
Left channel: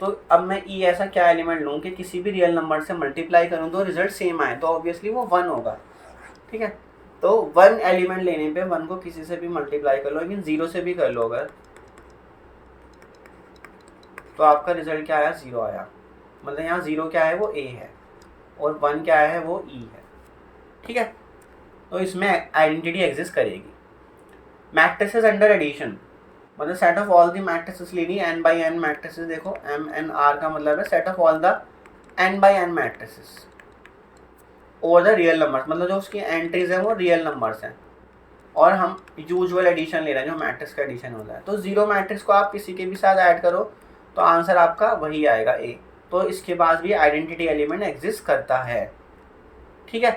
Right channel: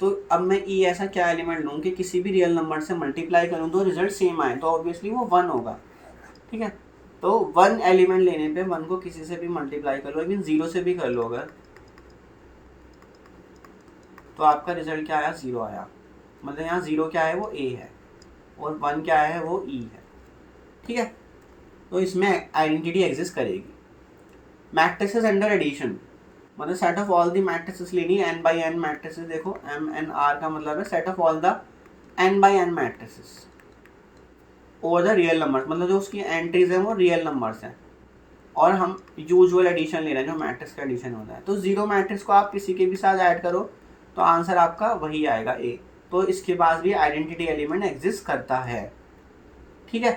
तो अब मैं ई ऐसा क्या एलिमेंट लूँ कि किसी भी रियल नंबर से मल्टीप्लाई करूँ तो रिजल्ट सेम आए, तो ऑब्वियसली वो 1 होगा। ठीक है, तो 1 एलिमेंट लेने पे 1 को किसी से भी मल्टीप्लाई कर लो, लेकिन 0 से भी कर लो अगर, तो आपका रिजल्ट क्या आया, 0 आया। मतलब यहाँ 0 क्या है, वो a है, और 1 क्या है, वो e है। ठीक है, तो इसमें आइडेंटिटी एग्जिस्ट करेगी। मैट्रिसेस अंडर एडिशन, मतलब set of all the matrices लेनी, n बाई n मैट्रिसेस। देखो MNR का मतलब है set of all the n by n matrices over the real numbers, मतलब जो उसकी एंट्रीज हैं वो रियल नंबर्स हैं, और हम यूजुअल एडिशन ले रहे हैं जो मैट्रिक्स का एडिशन होता है। तो 0 मैट्रिक्स को आप किसी के भी साथ ऐड करो तो आंसर आपका वही आएगा a। तो इसके पास भी आइडेंटिटी एलिमेंट एग्जिस्ट करता है। ठीक है,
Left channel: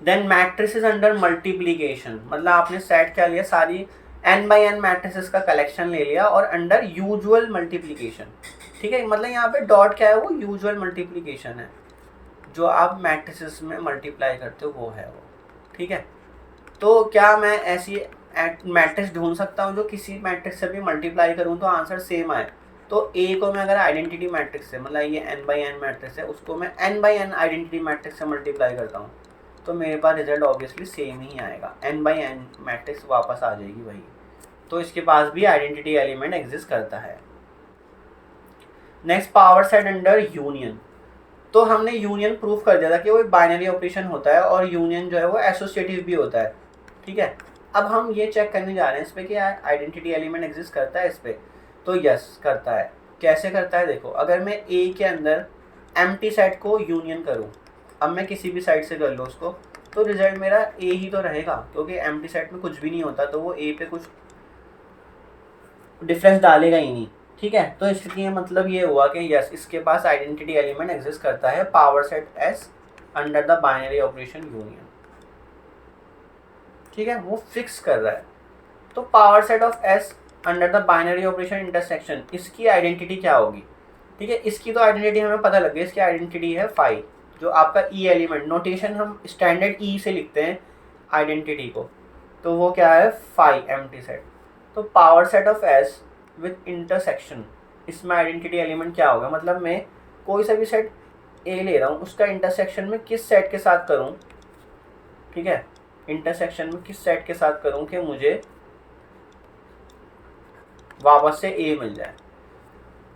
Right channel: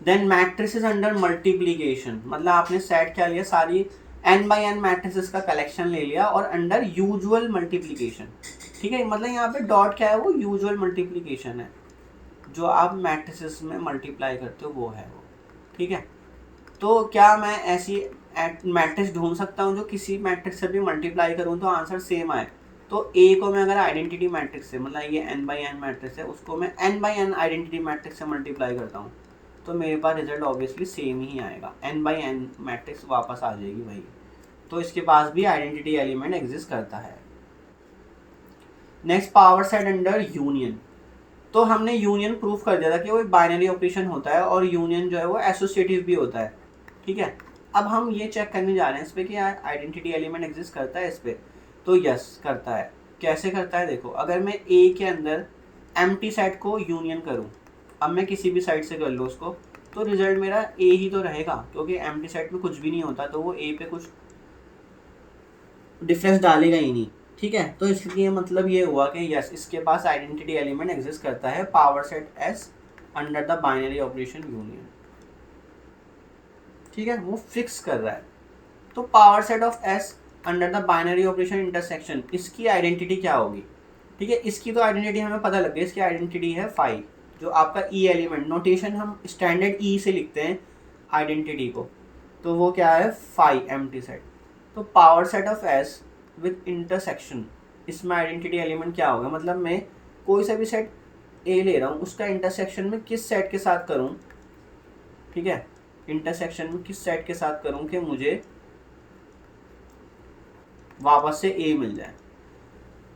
देन मैट्रिसेस अंडर मल्टीप्लीकेशन, मतलब आपने सेट क्या लिया, सारी n बाई n मैट्रिसेस का कलेक्शन ले लिया और अंडर यूजुअल मल्टीप्लीकेशन। ठीक है, मतलब यहाँ पे डॉट क्या है, वो यूजुअल मल्टीप्लीकेशन है, जो आप मैट्रिसेस में मल्टीप्लाई करते हो वो है वो। ठीक है, तो क्या मैं ऐसी मैट्रिक्स ढूंढ सकता हूँ जो किसी मैट्रिक्स से भी मल्टीप्लाई करूँ तो आंसर सेम आए। तो ए को मैं अगर आइडेंटिटी मैट्रिक्स से, मतलब ये n बाई n मैट्रिक्स है, उसको मैं n by n identity matrix से मल्टीप्लाई करता हूँ तो मेरे पास रिजल्ट ऑब्वियसली सेम ही आएगा, n बाई n मैट्रिक्स वापस आ जाएगी वही। तो इसके पास भी आइडेंटिटी एलिमेंट एग्जिस्ट करता है। Next, power set under union. तो हमने यूनियन प्रूफ कर दिया था कि वो एक बाइनरी ऑपरेशन होता है और यूनियन जो है वो एसोसिएटिव भी होता है। ठीक है, अब हम ये चेक करने जा रहे हैं इस पर कि आइडेंटिटी एलिमेंट एग्जिस्ट करता है इस पर। तो यस करता है। कैसे करता है, देखो, अगर मैं ए के अंदर एम्प्टी सेट को यूनियन करूँ, अब मैं किसी भी साइड से कर लूँ उसको, तो रिजल्ट मेरा ए ही तो रहेगा, क्योंकि एम्प्टी सेट में कुछ भी नहीं होता तो वो ए पे कुछ डिफरेंस डालेगा ही नहीं। ठीक है, तो इसलिए मतलब ये हुआ कि यस इसके पास आइडेंटिटी एलिमेंट एग्जिस्ट करता है, power set S under the binary operation union. ठीक है, वो फिक्स कर रहा है। तो power set of S under the binary operation intersection, इसकी आइडेंटिटी क्या होगी। ठीक है, इसकी तो आइडेंटिटी हमें पता लग गई, इसकी आइडेंटिटी है फाई, जो आपका ई एलिमेंट, नोटेशन हम स्टैंडर्ड ई से लिखते हैं आइडेंटिटी को, तो वो क्या है, फाई एम्प्टी सेट। तो power set of S with intersection, इसमें आइडेंटिटी एलिमेंट क्या होगा, मतलब मैं कोई सा भी सेट ए ले रहा हूँ, उसका इंटरसेक्शन में किस सेट के साथ करूँ। ठीक है, इंटरसेक्शन में किस सेट के साथ करूँ कि मुझे वापस से ए मिल जाए।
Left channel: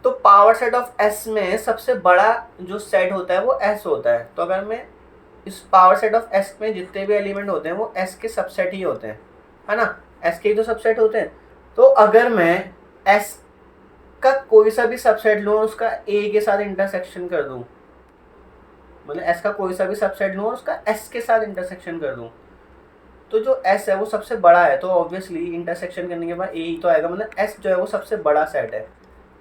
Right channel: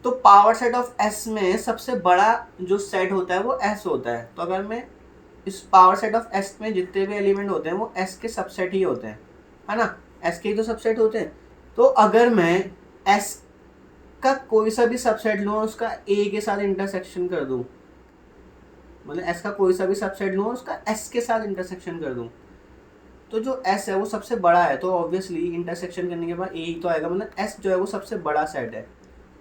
तो पावर सेट ऑफ एस में सबसे बड़ा जो सेट होता है वो एस होता है। तो अगर मैं इस पावर सेट ऑफ एस में जितने भी एलिमेंट होते हैं वो एस के सबसेट ही होते हैं, है ना, एस के ही तो सबसेट होते हैं। तो अगर मैं एस का कोई सा भी सबसेट लूँ, उसका ए के साथ इंटरसेक्शन कर दूँ, मतलब एस का कोई सा भी सबसेट लूँ और उसका एस के साथ इंटरसेक्शन कर दूँ, तो जो एस है वो सबसे बड़ा है, तो ऑब्वियसली इंटरसेक्शन करने के बाद ए ही तो आएगा, मतलब एस जो है वो सबसे बड़ा सेट है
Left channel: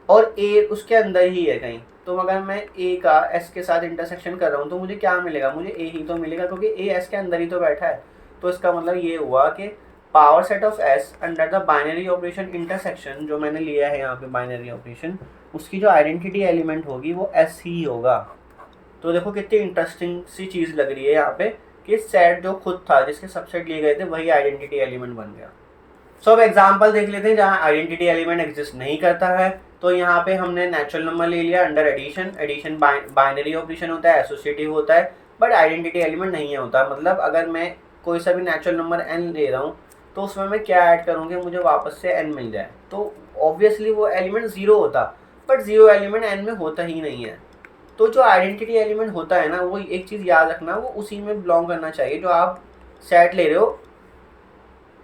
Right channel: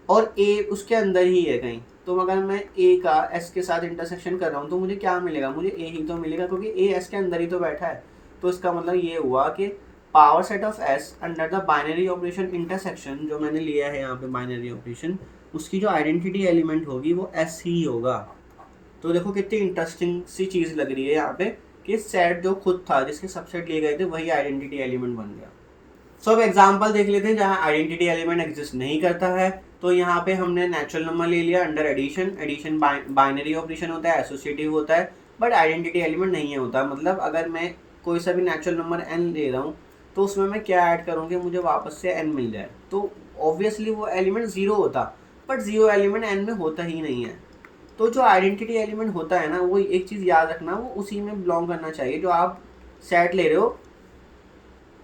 और ए उसके अंदर ही है कहीं। तो अगर मैं ए का एस के साथ इंटरसेक्शन कर रहा हूँ तो मुझे क्या मिलेगा, मुझे ए ही तो मिलेगा, क्योंकि ए एस के अंदर ही तो बैठा है। तो इसका मतलब ये हुआ कि power set of S under the binary operation intersection, जो मैंने लिया है यहाँ पे बाइनरी ऑपरेशन, उसकी जो आइडेंटिटी एलिमेंट होगी वो एस ही होगा। तो देखो कितनी इंटरेस्टिंग सी चीज़ लग रही है यहाँ पे कि सेट जो खुद था जिसके सबसेट लिए गए थे वही आइडेंटिटी एलिमेंट बन गया। सो अब एग्जाम्पल देख लेते हैं जहाँ आइडेंटिटी एलिमेंट एग्जिस्ट नहीं करता है। तो यहाँ पे हमने नेचुरल नंबर ले लिया under addition. Addition binary operation होता है, एसोसिएटिव होता है, बट आइडेंटिटी एलिमेंट नहीं होता। मतलब अगर मैं कोई सा भी नेचुरल नंबर n ले रहा हूँ तो उसमें मैं क्या ऐड करूँगी, मुझे वापस से n मिल जाए, तो ऑब्वियसली वो एलिमेंट ज़ीरो होता, बट ज़ीरो एलिमेंट n में होता ही नहीं है। तो जो आइडेंटिटी एलिमेंट होता है ना, वो एक चीज़ याद रखना, वो उसी में बिलोंग करना चाहिए। जो आप सेट ले रहे हो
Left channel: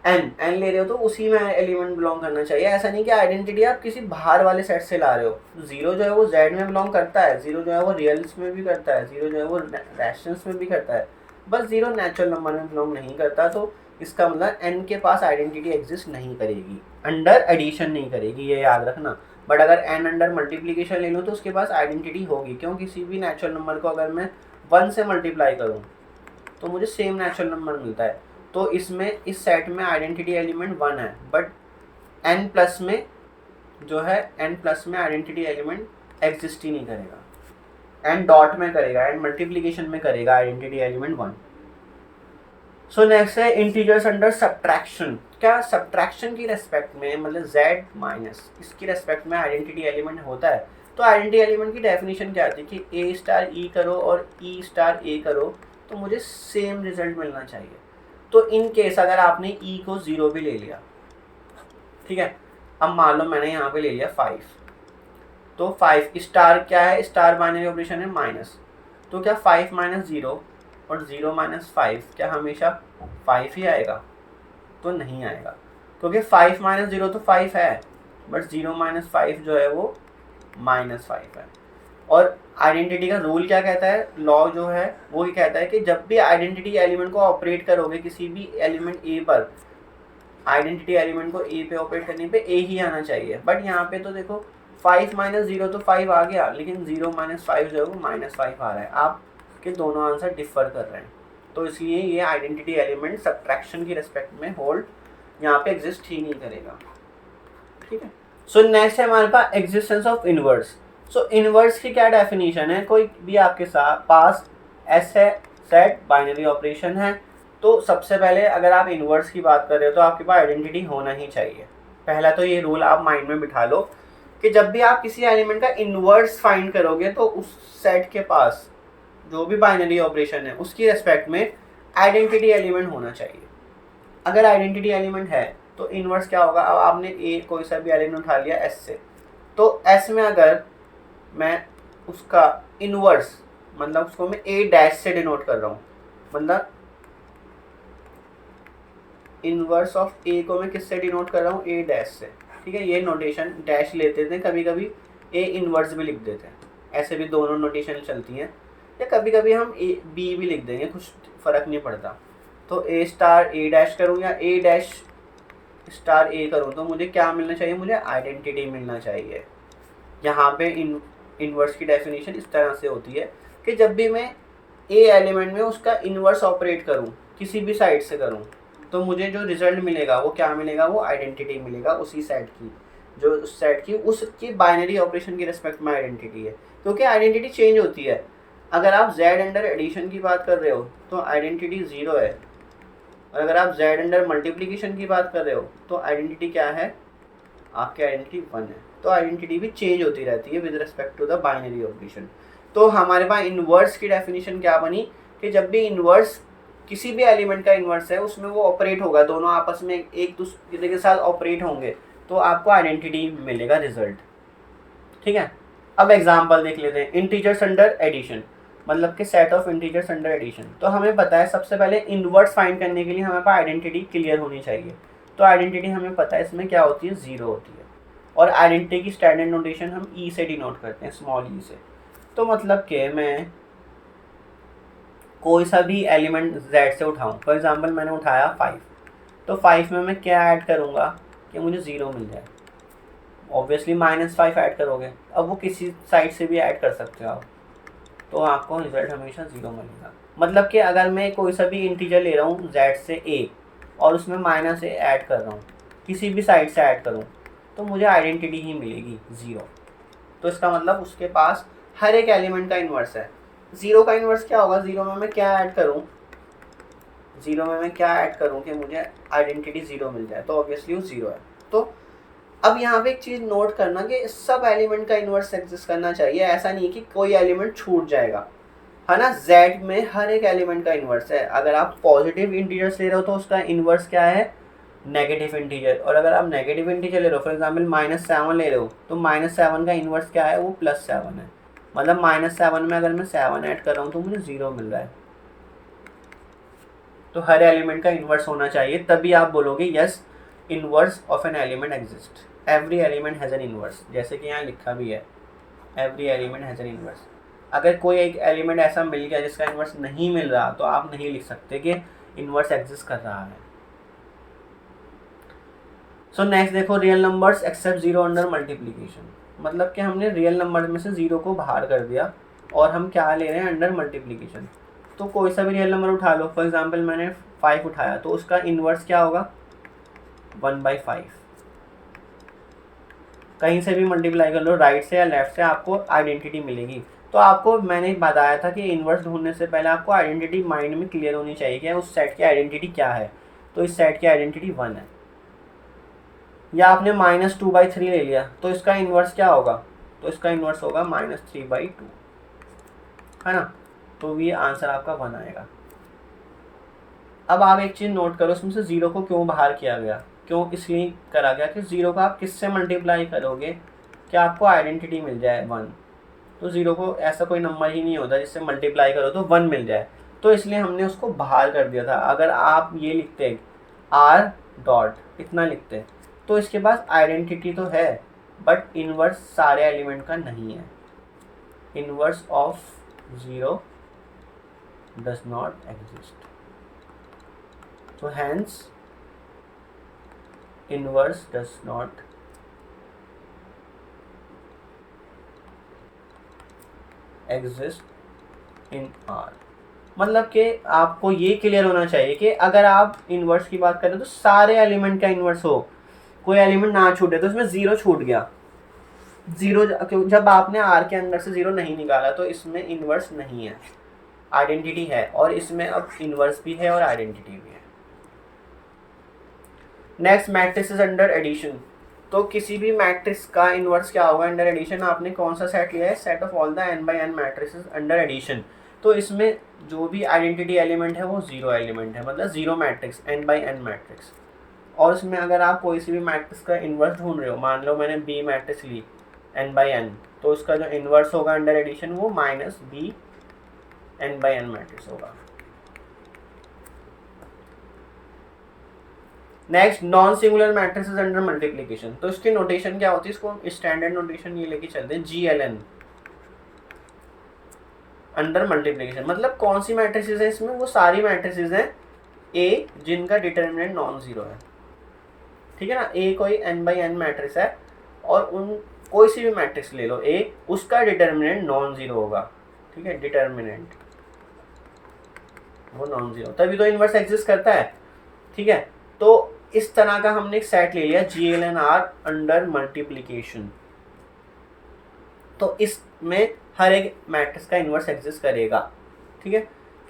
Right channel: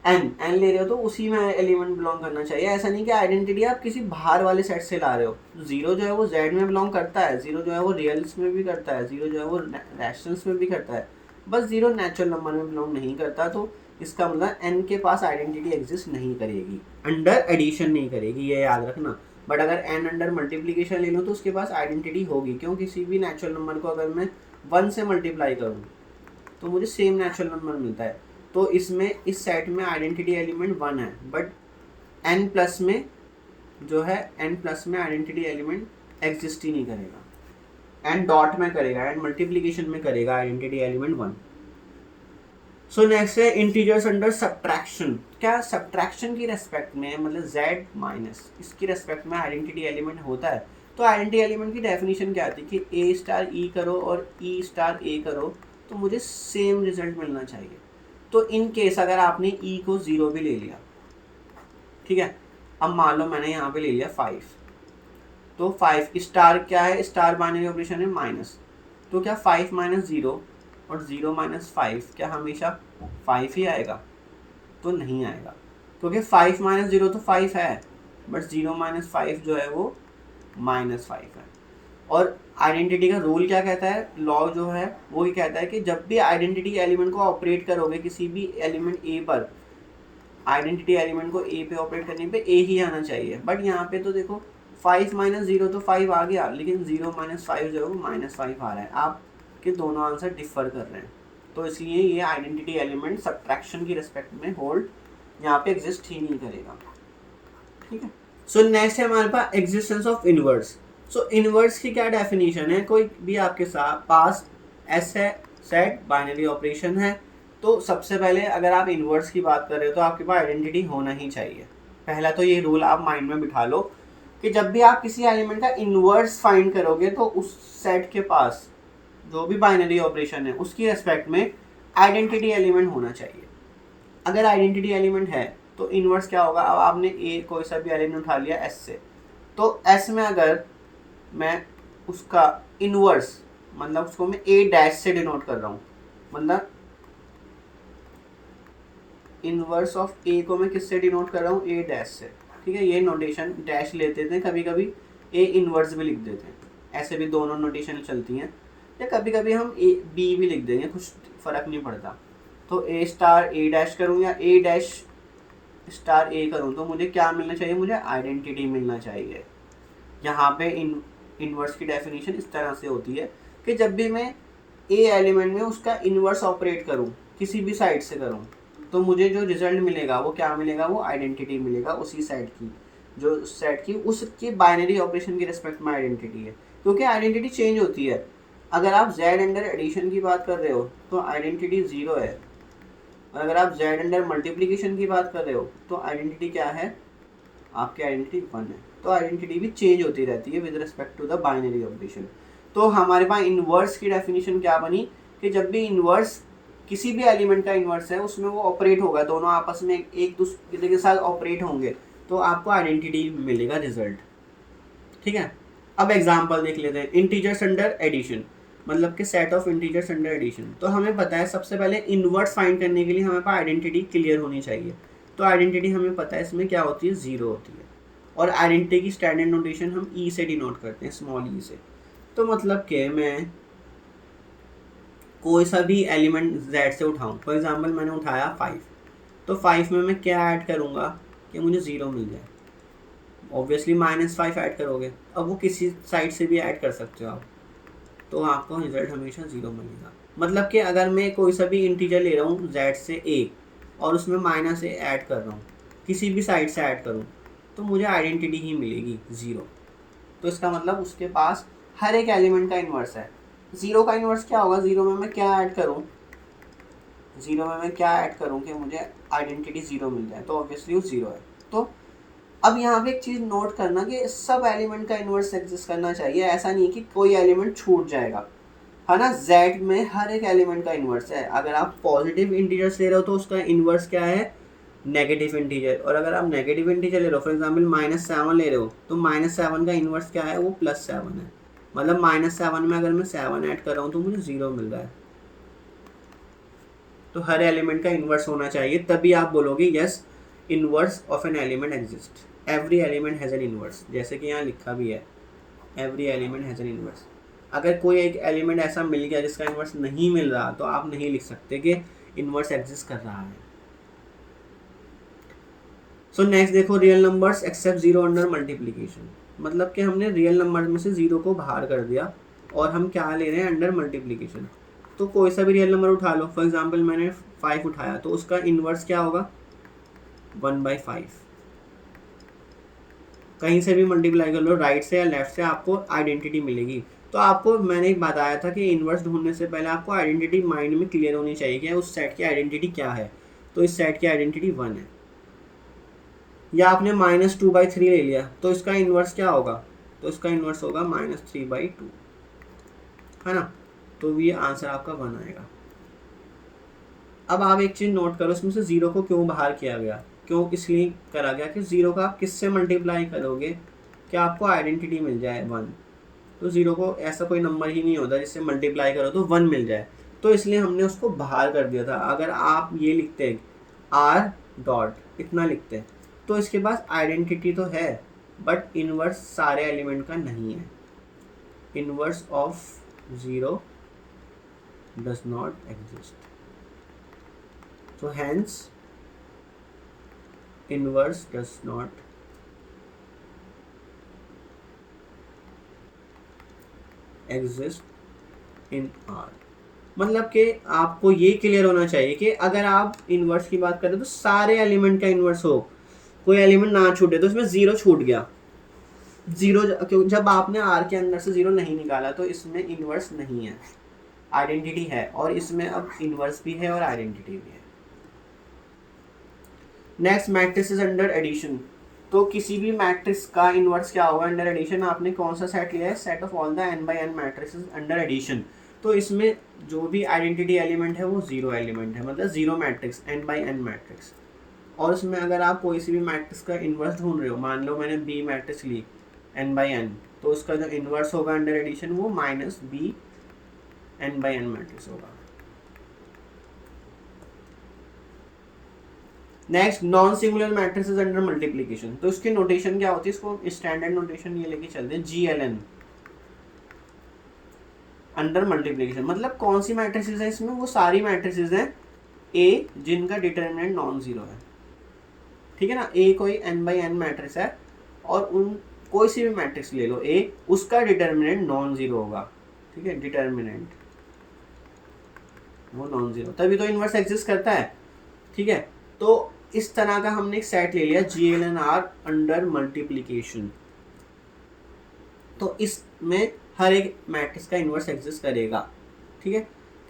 एन ले रहे हो तो उसी में एलिमेंट बिलोंग करना चाहिए। ऐसा नहीं कि आइडेंटिटी आप किसी बाहर वाले सेट से ला रहे हो। जीरो जो है वो जेड में बिलोंग करता है, जीरो जो है वो रियल्स में भी करता है, जीरो जो है वो रैशनल्स में भी करता है, बस जीरो नेचुरल नंबर में बिलोंग नहीं करता। तो इसका मतलब एन के पास आइडेंटिटी एग्जिस्ट नहीं करेगी, अंडर एडिशन नहीं करेगी, ये याद रखना। बट अगर एन अंडर मल्टीप्लीकेशन ले लूँ तो उसके पास आइडेंटिटी होगी। क्यों, किसी भी नेचुरल नंबर को अगर मैं 1 से मल्टीप्लाई करूँ तो मुझे सेम नेचुरल नंबर मिलता है। तो इसमें इस सेट में आइडेंटिटी एलिमेंट 1 है, बट n प्लस में जो है n प्लस में आइडेंटिटी एलिमेंट एग्जिस्ट ही नहीं करेगा, n डॉट में करेगा, n मल्टीप्लीकेशन में करेगा आइडेंटिटी एलिमेंट 1। सो नेक्स्ट है इंटीजर्स अंडर सब्ट्रैक्शन। क्या सब्ट्रैक्शन की रेस्पेक्ट में, मतलब z माइनस इसकी रेस्पेक्ट में आइडेंटिटी एलिमेंट होता है। तो आइडेंटिटी एलिमेंट की डेफिनेशन क्या आती है कि a स्टार e करो और e स्टार a करो तो मुझे सेम रिजल्ट मिलना चाहिए। तो इन केस अगर आपने ई को 0 भी ले लिया, ठीक है, अब मान लो मैंने यहाँ पे ले लिया 5, तो 5 स्टार क्या है, स्टार बाइनरी ऑपरेशन है माइनस, तो क्या 5 माइनस 0 और 0 माइनस 5 क्या हमेशा 5 ही आएगा? तो नहीं आएगा, क्योंकि 5 माइनस 0 तो 5 है, बट 0 माइनस 5 जो है वो -5 है। और आइडेंटिटी का रूल क्या कहता है, लॉ जो है वो ये कहता है कि जब भी आइडेंटिटी एलिमेंट को ऑपरेट करोगे किसी भी एलिमेंट ए पर, आइडेंटिटी एलिमेंट को ए पे ऑपरेट करने पे ए ही आना चाहिए। बट यहाँ पे तो देखो 5 माइनस 0 तो 5 आ गया, लेकिन 0 माइनस 5 जो है वो -5 आ रहा है। आपके दोनों आंसर डिफर कर रहे हैं, तो इसलिए ये आइडेंटिटी एलिमेंट सब्ट्रैक्शन की रिस्पेक्ट में होल्ड यहाँ पे एग्जिस्ट ही नहीं करेगा, ठीक है। सो नेक्स्ट है हमारे पास existence of inverse. So inverse की क्या डेफिनेशन है, कोई भी आपके साथ पास एस है, सेट बाइनरी ऑपरेशन है, तो सबसे पहले अगर आप इनवर्स की बात कर रहे हो तो आपके पास आइडेंटिटी होना ही चाहिए। पहला तो ये रूल आप माइंड में बिठा लो कि जब भी आप किसी एलिमेंट का इनवर्स फाइंड करोगे तो उस सेट के पास जो भी बाइनरी ऑपरेशन है उसकी रेस्पेक्ट में आइडेंटिटी एलिमेंट होना चाहिए। अगर आइडेंटिटी एलिमेंट है तो इनवर्स क्या होगा, अब आपने ए कोई सा भी एलिमेंट उठा लिया एस से, तो एस में अगर मैं उसका इनवर्स मतलब उसको मैं ए डैश से डिनोट कर रहा हूँ, मतलब इनवर्स ऑफ ए को मैं किससे डिनोट कर रहा हूँ, ए डैश से, ठीक है। ये नोटेशन डैश लेते थे, कभी कभी ए इनवर्स भी लिख देते हैं, ऐसे भी दोनों नोटेशन चलती हैं, या कभी कभी हम ए बी भी लिख देंगे, कुछ फ़र्क नहीं पड़ता। तो ए स्टार ए डैश करूँ या ए डैश स्टार ए करूँ तो मुझे क्या मिलना चाहिए, मुझे आइडेंटिटी मिलना चाहिए। यहाँ पे इनवर्स की डेफिनेशन इस तरह से होती है कि जब भी मैं ए एलिमेंट में उसका इनवर्स ऑपरेट करूँ, किसी भी साइड से करूँ, तो मुझे जो रिजल्ट मिलेगा वो क्या मिलेगा, वो आइडेंटिटी मिलेगा उसी सेट की, जो सेट की उसकी बाइनरी ऑपरेशन की रिस्पेक्ट में आइडेंटिटी है, क्योंकि आइडेंटिटी चेंज होती है। अगर आप जेड अंडर एडिशन की बात कर रहे हो तो आइडेंटिटी 0 है, और अगर आप जेड अंडर मल्टीप्लिकेशन की बात कर रहे हो तो आइडेंटिटी क्या है, आपकी आइडेंटिटी 1 है। तो आइडेंटिटी भी चेंज होती रहती है with respect to the binary operation. तो हमारे पास इनवर्स की डेफिनेशन क्या बनी कि जब भी इनवर्स किसी भी एलिमेंट का इनवर्स है उसमें वो ऑपरेट होगा, दोनों आपस में एक दूसरे के साथ ऑपरेट होंगे, तो आपको आइडेंटिटी मिलेगा रिजल्ट, ठीक है। अब एग्जांपल देख लेते हैं, इंटीजर्स अंडर एडिशन, मतलब कि set of integers under addition. तो हमें पता है सबसे पहले इनवर्स फाइंड करने के लिए हमारे पास आइडेंटिटी क्लियर होनी चाहिए। तो आइडेंटिटी हमें पता है इसमें क्या होती है, 0 होती है, और आइडेंटिटी की स्टैंडर्ड नोटेशन हम ई से डिनोट करते हैं, स्मॉल ई से। तो मतलब कि मैं कोई सा भी एलिमेंट जेड से उठाऊँ, फॉर एग्जांपल मैंने उठाया 5, तो 5 में मैं क्या ऐड करूँगा कि मुझे 0 मिल जाए, ऑब्वियसली -5 ऐड करोगे, अब वो किसी साइड से भी ऐड कर सकते हो आप, तो आपको रिजल्ट हमेशा 0 मिलेगा। मतलब कि अगर मैं कोई सा भी इंटीजर ले रहा हूँ z से a और उसमें -a ऐड कर रहा हूँ, किसी भी साइड से ऐड करूँ, तो मुझे आइडेंटिटी ही मिलेगी 0। तो इसका मतलब उसके पास हर एक एलिमेंट का इन्वर्स है। 0 का इन्वर्स क्या होगा, 0 में मैं क्या ऐड करूँ, 0 में मैं क्या ऐड करूँ कि मुझे आइडेंटिटी 0 मिल जाए, तो ऑब्वियसली वो 0 है। तो अब यहाँ पे एक चीज़ नोट करना कि सब एलिमेंट का इन्वर्स एग्जिस्ट करना चाहिए, ऐसा नहीं कि कोई एलिमेंट छूट जाएगा, है ना। z में हर एक एलिमेंट का इन्वर्स है। अगर आप पॉजिटिव इंटीजर्स ले रहे हो तो उसका इन्वर्स क्या है, नेगेटिव इंटीजर, और अगर आप नेगेटिव इंटीजर ले रहे हो, फॉर एग्जांपल -7 ले रहे हो, तो -7 का इन्वर्स क्या है, वो +7 है। मतलब -7 में अगर मैं 7 ऐड कर रहा हूँ तो मुझे 0 मिल रहा है। तो हर एलिमेंट का इन्वर्स होना चाहिए, तभी आप बोलोगे yes inverse of an element exist, every element has an inverse, जैसे कि यहाँ लिखा भी है every element has an inverse. अगर कोई एक एलिमेंट ऐसा मिल गया जिसका इन्वर्स नहीं मिल रहा तो आप नहीं लिख सकते कि इन्वर्स एग्जिस्ट कर रहा है। सो नेक्स्ट देखो, real numbers accept 0 under multiplication, मतलब कि हमने रियल नंबर में से 0 को बाहर कर दिया और हम क्या ले रहे हैं, अंडर मल्टीप्लिकेशन। तो कोई सा भी रियल नंबर उठा लो, फॉर एग्जांपल मैंने 5 उठाया, तो उसका इन्वर्स क्या होगा, 1/5। कहीं से भी मल्टीप्लाई कर लो, राइट से या लेफ्ट से, आपको आइडेंटिटी मिलेगी। तो आपको मैंने बताया था कि इन्वर्स ढूंढने से पहले आपको आइडेंटिटी माइंड में क्लियर होनी चाहिए कि उस सेट की आइडेंटिटी क्या है। तो इस सेट की आइडेंटिटी 1 है। या आपने -2/3 ले लिया, तो इसका इन्वर्स क्या होगा, तो इसका इन्वर्स होगा -3/2, है ना। तो ये आंसर आपका 1 आएगा। अब आप एक चीज़ नोट करो, उसमें से 0 को क्यों बाहर किया गया, क्यों इसलिए करा गया कि 0 का आप किससे मल्टीप्लाई करोगे कि आपको आइडेंटिटी मिल जाए 1। तो 0 को ऐसा कोई नंबर ही नहीं होता जिससे मल्टीप्लाई करो तो 1 मिल जाए, तो इसलिए हमने उसको बाहर कर दिया था। अगर आप ये लिखते आर डॉट इतना लिखते तो इसके पास आइडेंटिटी तो है बट इनवर्स सारे एलिमेंट का नहीं है। Inverse of 0 does not exist, so hence inverse does not exist in R। मतलब कि आपको ये क्लियर होना चाहिए कि अगर आप इनवर्स की बात करें तो सारे एलिमेंट का इनवर्स हो, कोई एलिमेंट ना छूटे। तो इसमें 0 छूट गया, 0 जब आपने R के अंदर से 0 नहीं निकाला तो इसमें इनवर्स नहीं है, आइडेंटिटी है, और इसमें अब इनवर्स भी है और आइडेंटिटी भी है। Next matrices under addition. तो किसी भी मैट्रिक्स का इनवर्स क्या होगा अंडर एडिशन? आपने कौन सा सेट लिया है? Set of all the n by n matrices under addition. तो इसमें जो भी आइडेंटिटी एलिमेंट है वो 0 एलिमेंट है, मतलब 0 matrix n by n matrix. और उसमें अगर आप कोई सी भी मैट्रिक्स का इन्वर्स ढूंढ रहे हो, मान लो मैंने बी मैट्रिक्स ली n by n, तो उसका जो इन्वर्स होगा अंडर एडिशन वो -b n by n matrix होगा। Next non singular matrices under multiplication. तो इसकी नोटेशन क्या होती है? इसको स्टैंडर्ड नोटेशन ये लेके चलते हैं, GLN अंडर मल्टीप्लिकेशन। मतलब कौन सी मैट्रिसेस है इसमें? वो सारी मैट्रिसेस हैं A जिनका डिटर्मिनेंट नॉन जीरो है, ठीक है ना। A कोई n by n मैट्रिक्स है और उन कोई सी भी मैट्रिक्स ले लो A, उसका डिटर्मिनेंट नॉन जीरो होगा, ठीक है। डिटर्मिनेंट वो नॉन जीरो, तभी तो इनवर्स एग्जिस्ट करता है, ठीक है। तो इस तरह का हमने एक सेट ले लिया GLNR अंडर मल्टीप्लिकेशन। तो इसमें हर एक मैट्रिक्स का इन्वर्स एग्जिस्ट करेगा, ठीक है।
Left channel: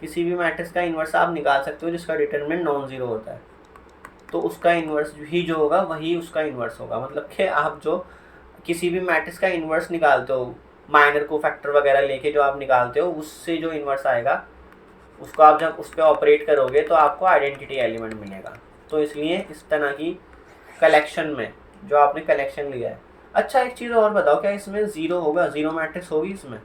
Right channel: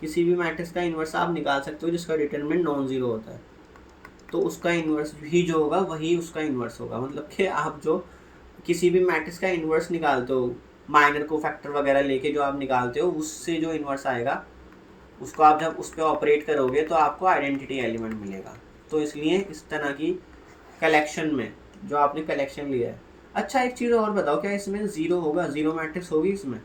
किसी भी मैट्रिक्स का इन्वर्स आप निकाल सकते हो जिसका डिटरमिनेंट नॉन जीरो होता है, तो उसका इन्वर्स भी जो होगा वही उसका इन्वर्स होगा। मतलब कि आप जो किसी भी मैट्रिक्स का इन्वर्स निकालते हो, माइनर को फैक्टर वगैरह लेके जो आप निकालते हो, उससे जो इन्वर्स आएगा उसको आप जब उस पर ऑपरेट करोगे तो आपको आइडेंटिटी एलिमेंट मिलेगा। तो इसलिए इस तरह की कलेक्शन में जो आपने कलेक्शन लिया है। अच्छा एक चीज़ और बताओ, क्या इसमें 0 होगा? 0 मैट्रिक्स होगी इसमें?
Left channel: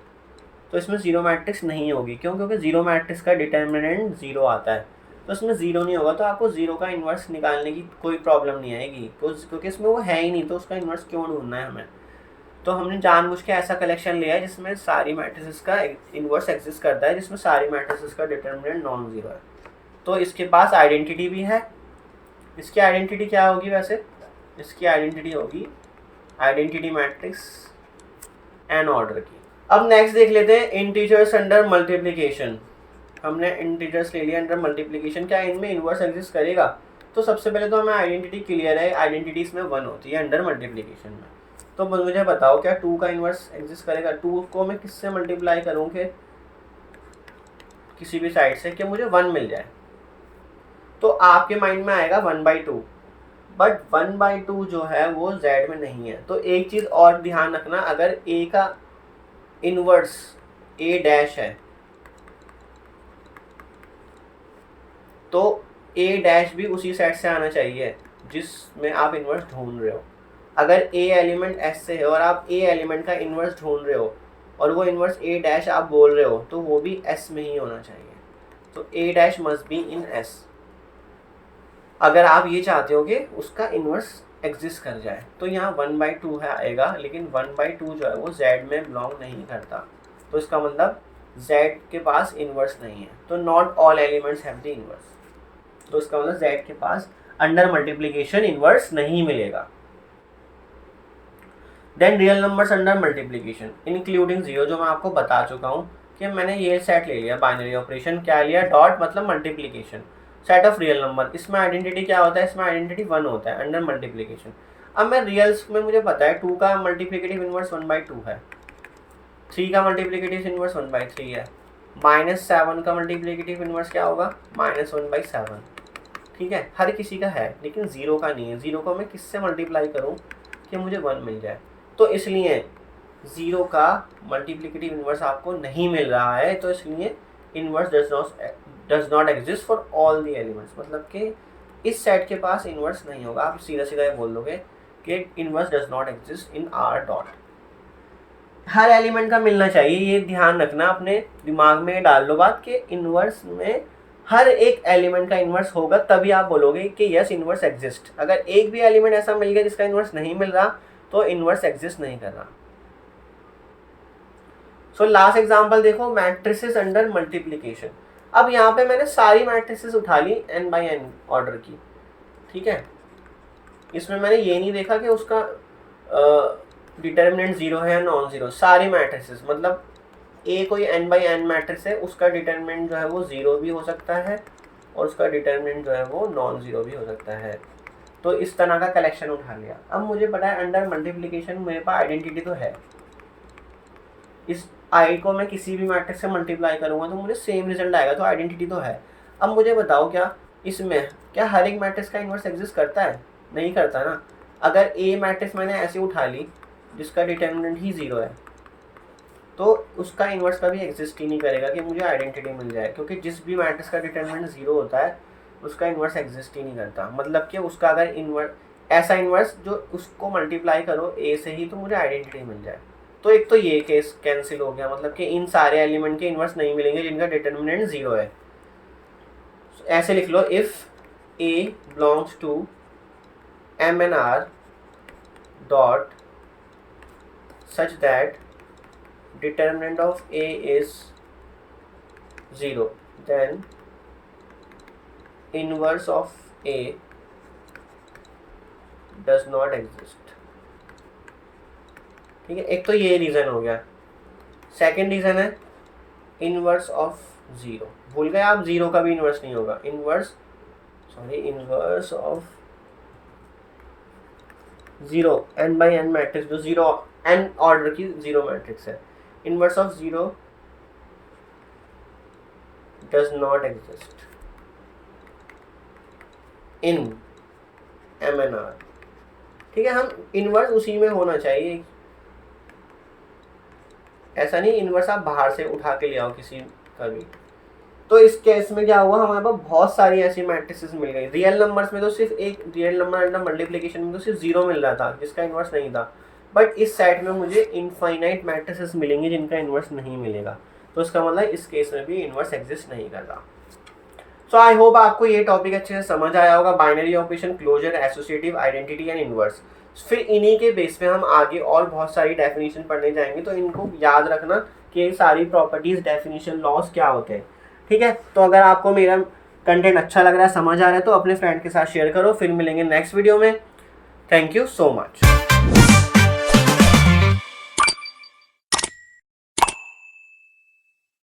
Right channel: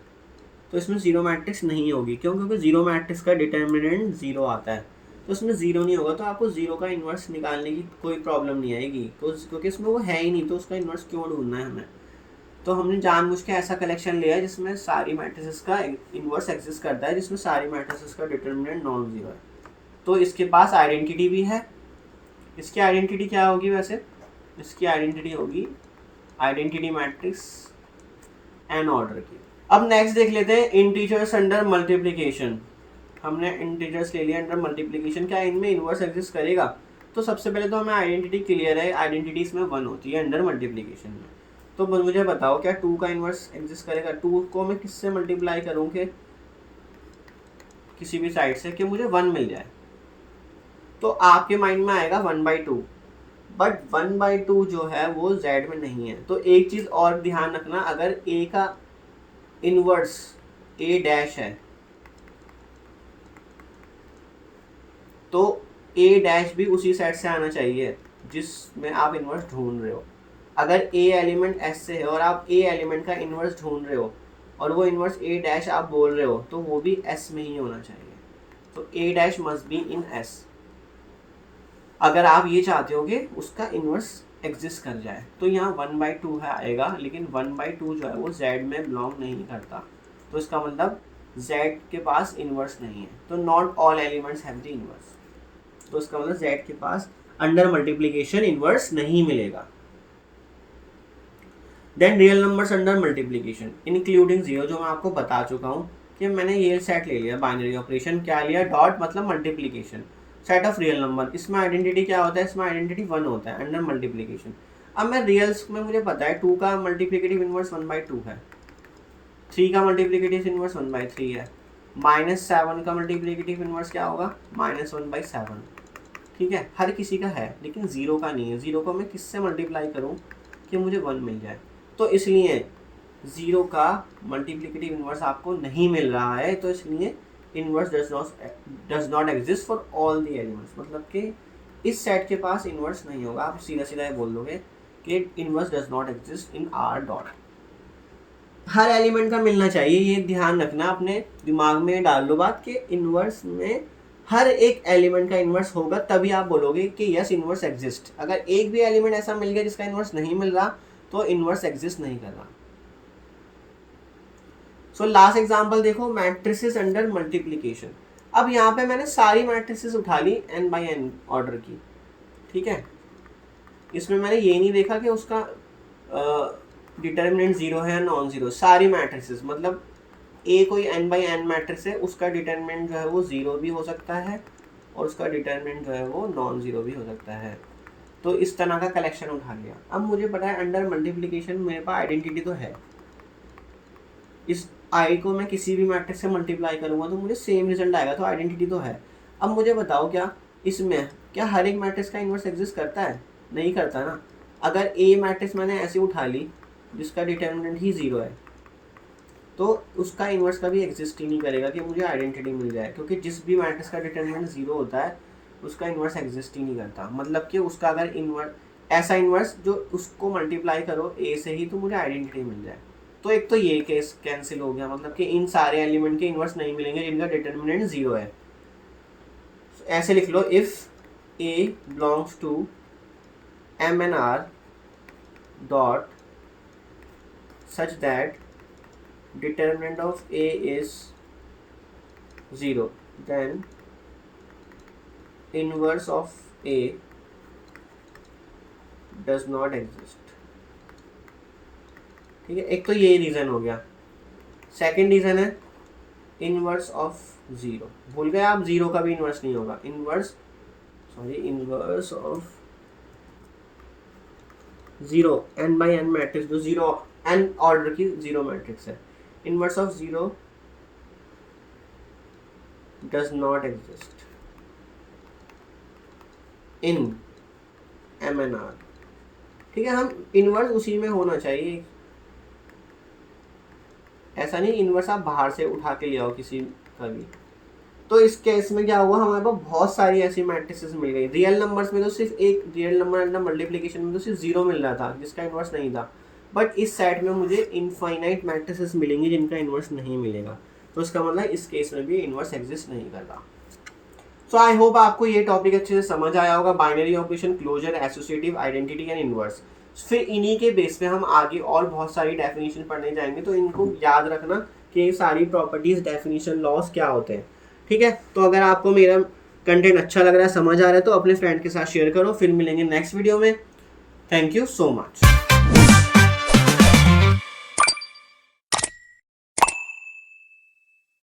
तो इसमें 0 मैट्रिक्स नहीं होगी, क्यों? क्योंकि 0 मैट्रिक्स का डिटर्मिनेंट 0 आता है, तो इसमें 0 नहीं होगा। तो आपको 0 का इन्वर्स निकालने की कोई प्रॉब्लम नहीं आएगी, क्योंकि इसमें वो है ही नहीं, तो उसका इन्वर्स क्यों ढूंढना है हमें। तो हमने जानबूझ के ऐसा कलेक्शन लिया है जिसमें सारी मैट्रिसेस का इन्वर्स एग्जिस्ट करता है, जिसमें सारी मैट्रिसेस का डिटर्मिनेंट नॉन जीरो है। तो इसके पास आइडेंटिटी भी है। इसकी आइडेंटिटी क्या होगी वैसे? इसकी आइडेंटिटी होगी आइडेंटिटी मैट्रिक्स n ऑर्डर की। अब नेक्स्ट देख लेते हैं इंटीजर्स अंडर मल्टीप्लिकेशन। हमने इंटीजर्स ले लिया अंडर मल्टीप्लिकेशन, क्या इनमें इन्वर्स एग्जिस्ट करेगा? तो सबसे पहले तो हमें आइडेंटिटी क्लियर है, आइडेंटिटी इसमें 1 होती है अंडर मल्टीप्लिकेशन में। तो मुझे बताओ क्या 2 का इन्वर्स एग्जिस्ट करेगा? 2 को मैं किससे मल्टीप्लाई करूँ कि किसी भी साइड से कि मुझे 1 मिल जाए? तो आपके माइंड में आएगा 1/2, बट 1/2 जो है वो z में नहीं है। तो एक चीज़ और ध्यान रखना, अगर a का इनवर्स a डैश है तो a डैश भी उसी सेट से आना चाहिए जिसमें आप इनवर्स ढूंढ रहे हो। अगर a एलिमेंट s से है और आप a एलिमेंट का इनवर्स ढूंढ रहे हो और वो इनवर्स a डैश आप बोल रहे हो, तो वो भी s में ही होना चाहिए। तो a dash must be in s, अगर आप ये चाहते हो कि उसका इन्वर्स एग्जिस्ट कर जाए। तो यहाँ 1/2 है आएगा, लेकिन 1/2 जो है वो z में बिलोंग नहीं करता, तो इसका मतलब z के पास इन्वर्स नहीं है। तो not all elements have the inverse, तो इसका मतलब z के पास अंडर मल्टीप्लिकेशन इन्वर्स नहीं मिलेगा। Then real numbers under multiplication including 0, जो मैं आपको बता चुका हूँ कि मैंने ये सेट ले लिया बाइनरी ऑपरेशन, क्या लिया? डॉट मतलब multiplication, set of real number. इसमें आइडेंटिटी क्या होता है? इसमें आइडेंटिटी 1 होता है अंडर मल्टीप्लिकेशन। अब मैं रियल्स में मुझे पता है 2 का मल्टीप्लिकेटिव इन्वर्स 1/2 है, 3 का मल्टीप्लिकेटिव इन्वर्स 1/3 है, -7 का मल्टीप्लिकेटिव इन्वर्स क्या होगा? -1/7, ठीक है। हर किसी का है लेकिन 0 का नहीं है। 0 को मैं किससे मल्टीप्लाई करूँ कि मुझे 1 मिल जाए? तो इसलिए 0 का मल्टीप्लिकेटिव इन्वर्स आपको नहीं मिल रहा है, तो इसलिए inverse does not exist for all the elements, मतलब कि इस सेट के पास इनवर्स नहीं होगा। आप सीधा सीधा ये बोल दोगे कि inverse does not exist in R dot. Her element का मिलना चाहिए, ये ध्यान रखना, अपने दिमाग में डाल लो बात कि इनवर्स में हर एक एलिमेंट का इनवर्स होगा, तभी आप बोलोगे कि यस इनवर्स एग्जिस्ट। अगर एक भी एलिमेंट ऐसा मिल गया जिसका इनवर्स नहीं मिल रहा तो इनवर्स एग्जिस्ट नहीं कर रहा। सो लास्ट एग्जांपल देखो, मैट्रिसेस अंडर मल्टीप्लिकेशन। अब यहाँ पे मैंने सारी मैट्रिसेस उठा ली n बाई n ऑर्डर की, ठीक है। इसमें मैंने ये नहीं देखा कि उसका डिटर्मिनेंट जीरो है या नॉन जीरो। सारी मैट्रिसेस मतलब ए कोई n बाई n मैट्रिक्स है, उसका डिटर्मिनेंट जो है वो जीरो भी हो सकता है और उसका डिटर्मिनेंट जो है वो नॉन जीरो भी हो सकता है। तो इस तरह का कलेक्शन उठा लिया। अब मुझे पता है अंडर मल्टीप्लिकेशन मेरे पास आइडेंटिटी तो है, इस आई को मैं किसी भी मैट्रिक्स से मल्टीप्लाई करूँगा तो मुझे सेम रिजल्ट आएगा, तो आइडेंटिटी तो है। अब मुझे बताओ क्या इसमें क्या हर एक मैट्रिक्स का इन्वर्स एग्जिस्ट करता है? नहीं करता ना। अगर ए मैट्रिक्स मैंने ऐसे उठा ली जिसका डिटर्मिनेंट ही जीरो है तो उसका इन्वर्स कभी एग्जिस्ट ही नहीं करेगा कि मुझे आइडेंटिटी मिल जाए, क्योंकि जिस भी मैट्रिक्स का डिटर्मिनेंट जीरो होता है उसका इन्वर्स एग्जिस्ट ही नहीं करता। मतलब कि उसका अगर इन्वर्स ऐसा इन्वर्स जो उसको मल्टीप्लाई करो ए से ही तो मुझे आइडेंटिटी मिल जाए। तो एक तो ये केस कैंसिल हो गया, मतलब कि इन सारे एलिमेंट के इन्वर्स नहीं मिलेंगे जिनका डिटर्मिनेंट जीरो है। ऐसे लिख लो, if A belongs to M N R dot such that determinant of A is 0, then inverse of A does not exist। ठीक है, एक तो ये रीज़न हो गया। सेकंड रीज़न है इनवर्स ऑफ ज़ीरो। भूल गए आप, ज़ीरो का भी इनवर्स नहीं होगा। Inverse of zero n by n matrix जो ज़ीरो n ऑर्डर की ज़ीरो मैट्रिक्स है, inverse of zero does not exist in MNR। ठीक है, हम इनवर्स उसी में होना चाहिए, ऐसा नहीं इनवर्स आप बाहर से उठा के ले आओ किसी का भी। तो इस केस में क्या हुआ, हमारे पास बहुत सारी ऐसी मैट्रिसेस मिल गई। रियल नंबर्स में तो सिर्फ एक रियल नंबर अंडर मल्टीप्लिकेशन में तो सिर्फ जीरो मिल रहा था जिसका इन्वर्स नहीं था, बट इस सेट में मुझे इनफाइनाइट मैट्रिसेस मिलेंगे जिनका इन्वर्स नहीं मिलेगा। तो इसका मतलब इस केस में भी इन्वर्स एग्जिस्ट नहीं कर रहा। सो आई होप आपको ये टॉपिक अच्छे से समझ आया होगा, binary operation, closure, associative, identity and inverse. फिर इन्हीं के बेस पे हम आगे और बहुत सारी डेफिनेशन पढ़ने जाएंगे, तो इनको याद रखना कि सारी प्रॉपर्टीज, डेफिनेशन, लॉस क्या होते हैं। ठीक है, तो अगर आपको मेरा कंटेंट अच्छा लग रहा है, समझ आ रहा है, तो अपने फ्रेंड के साथ शेयर करो। फिर मिलेंगे नेक्स्ट वीडियो में। Thank you so much.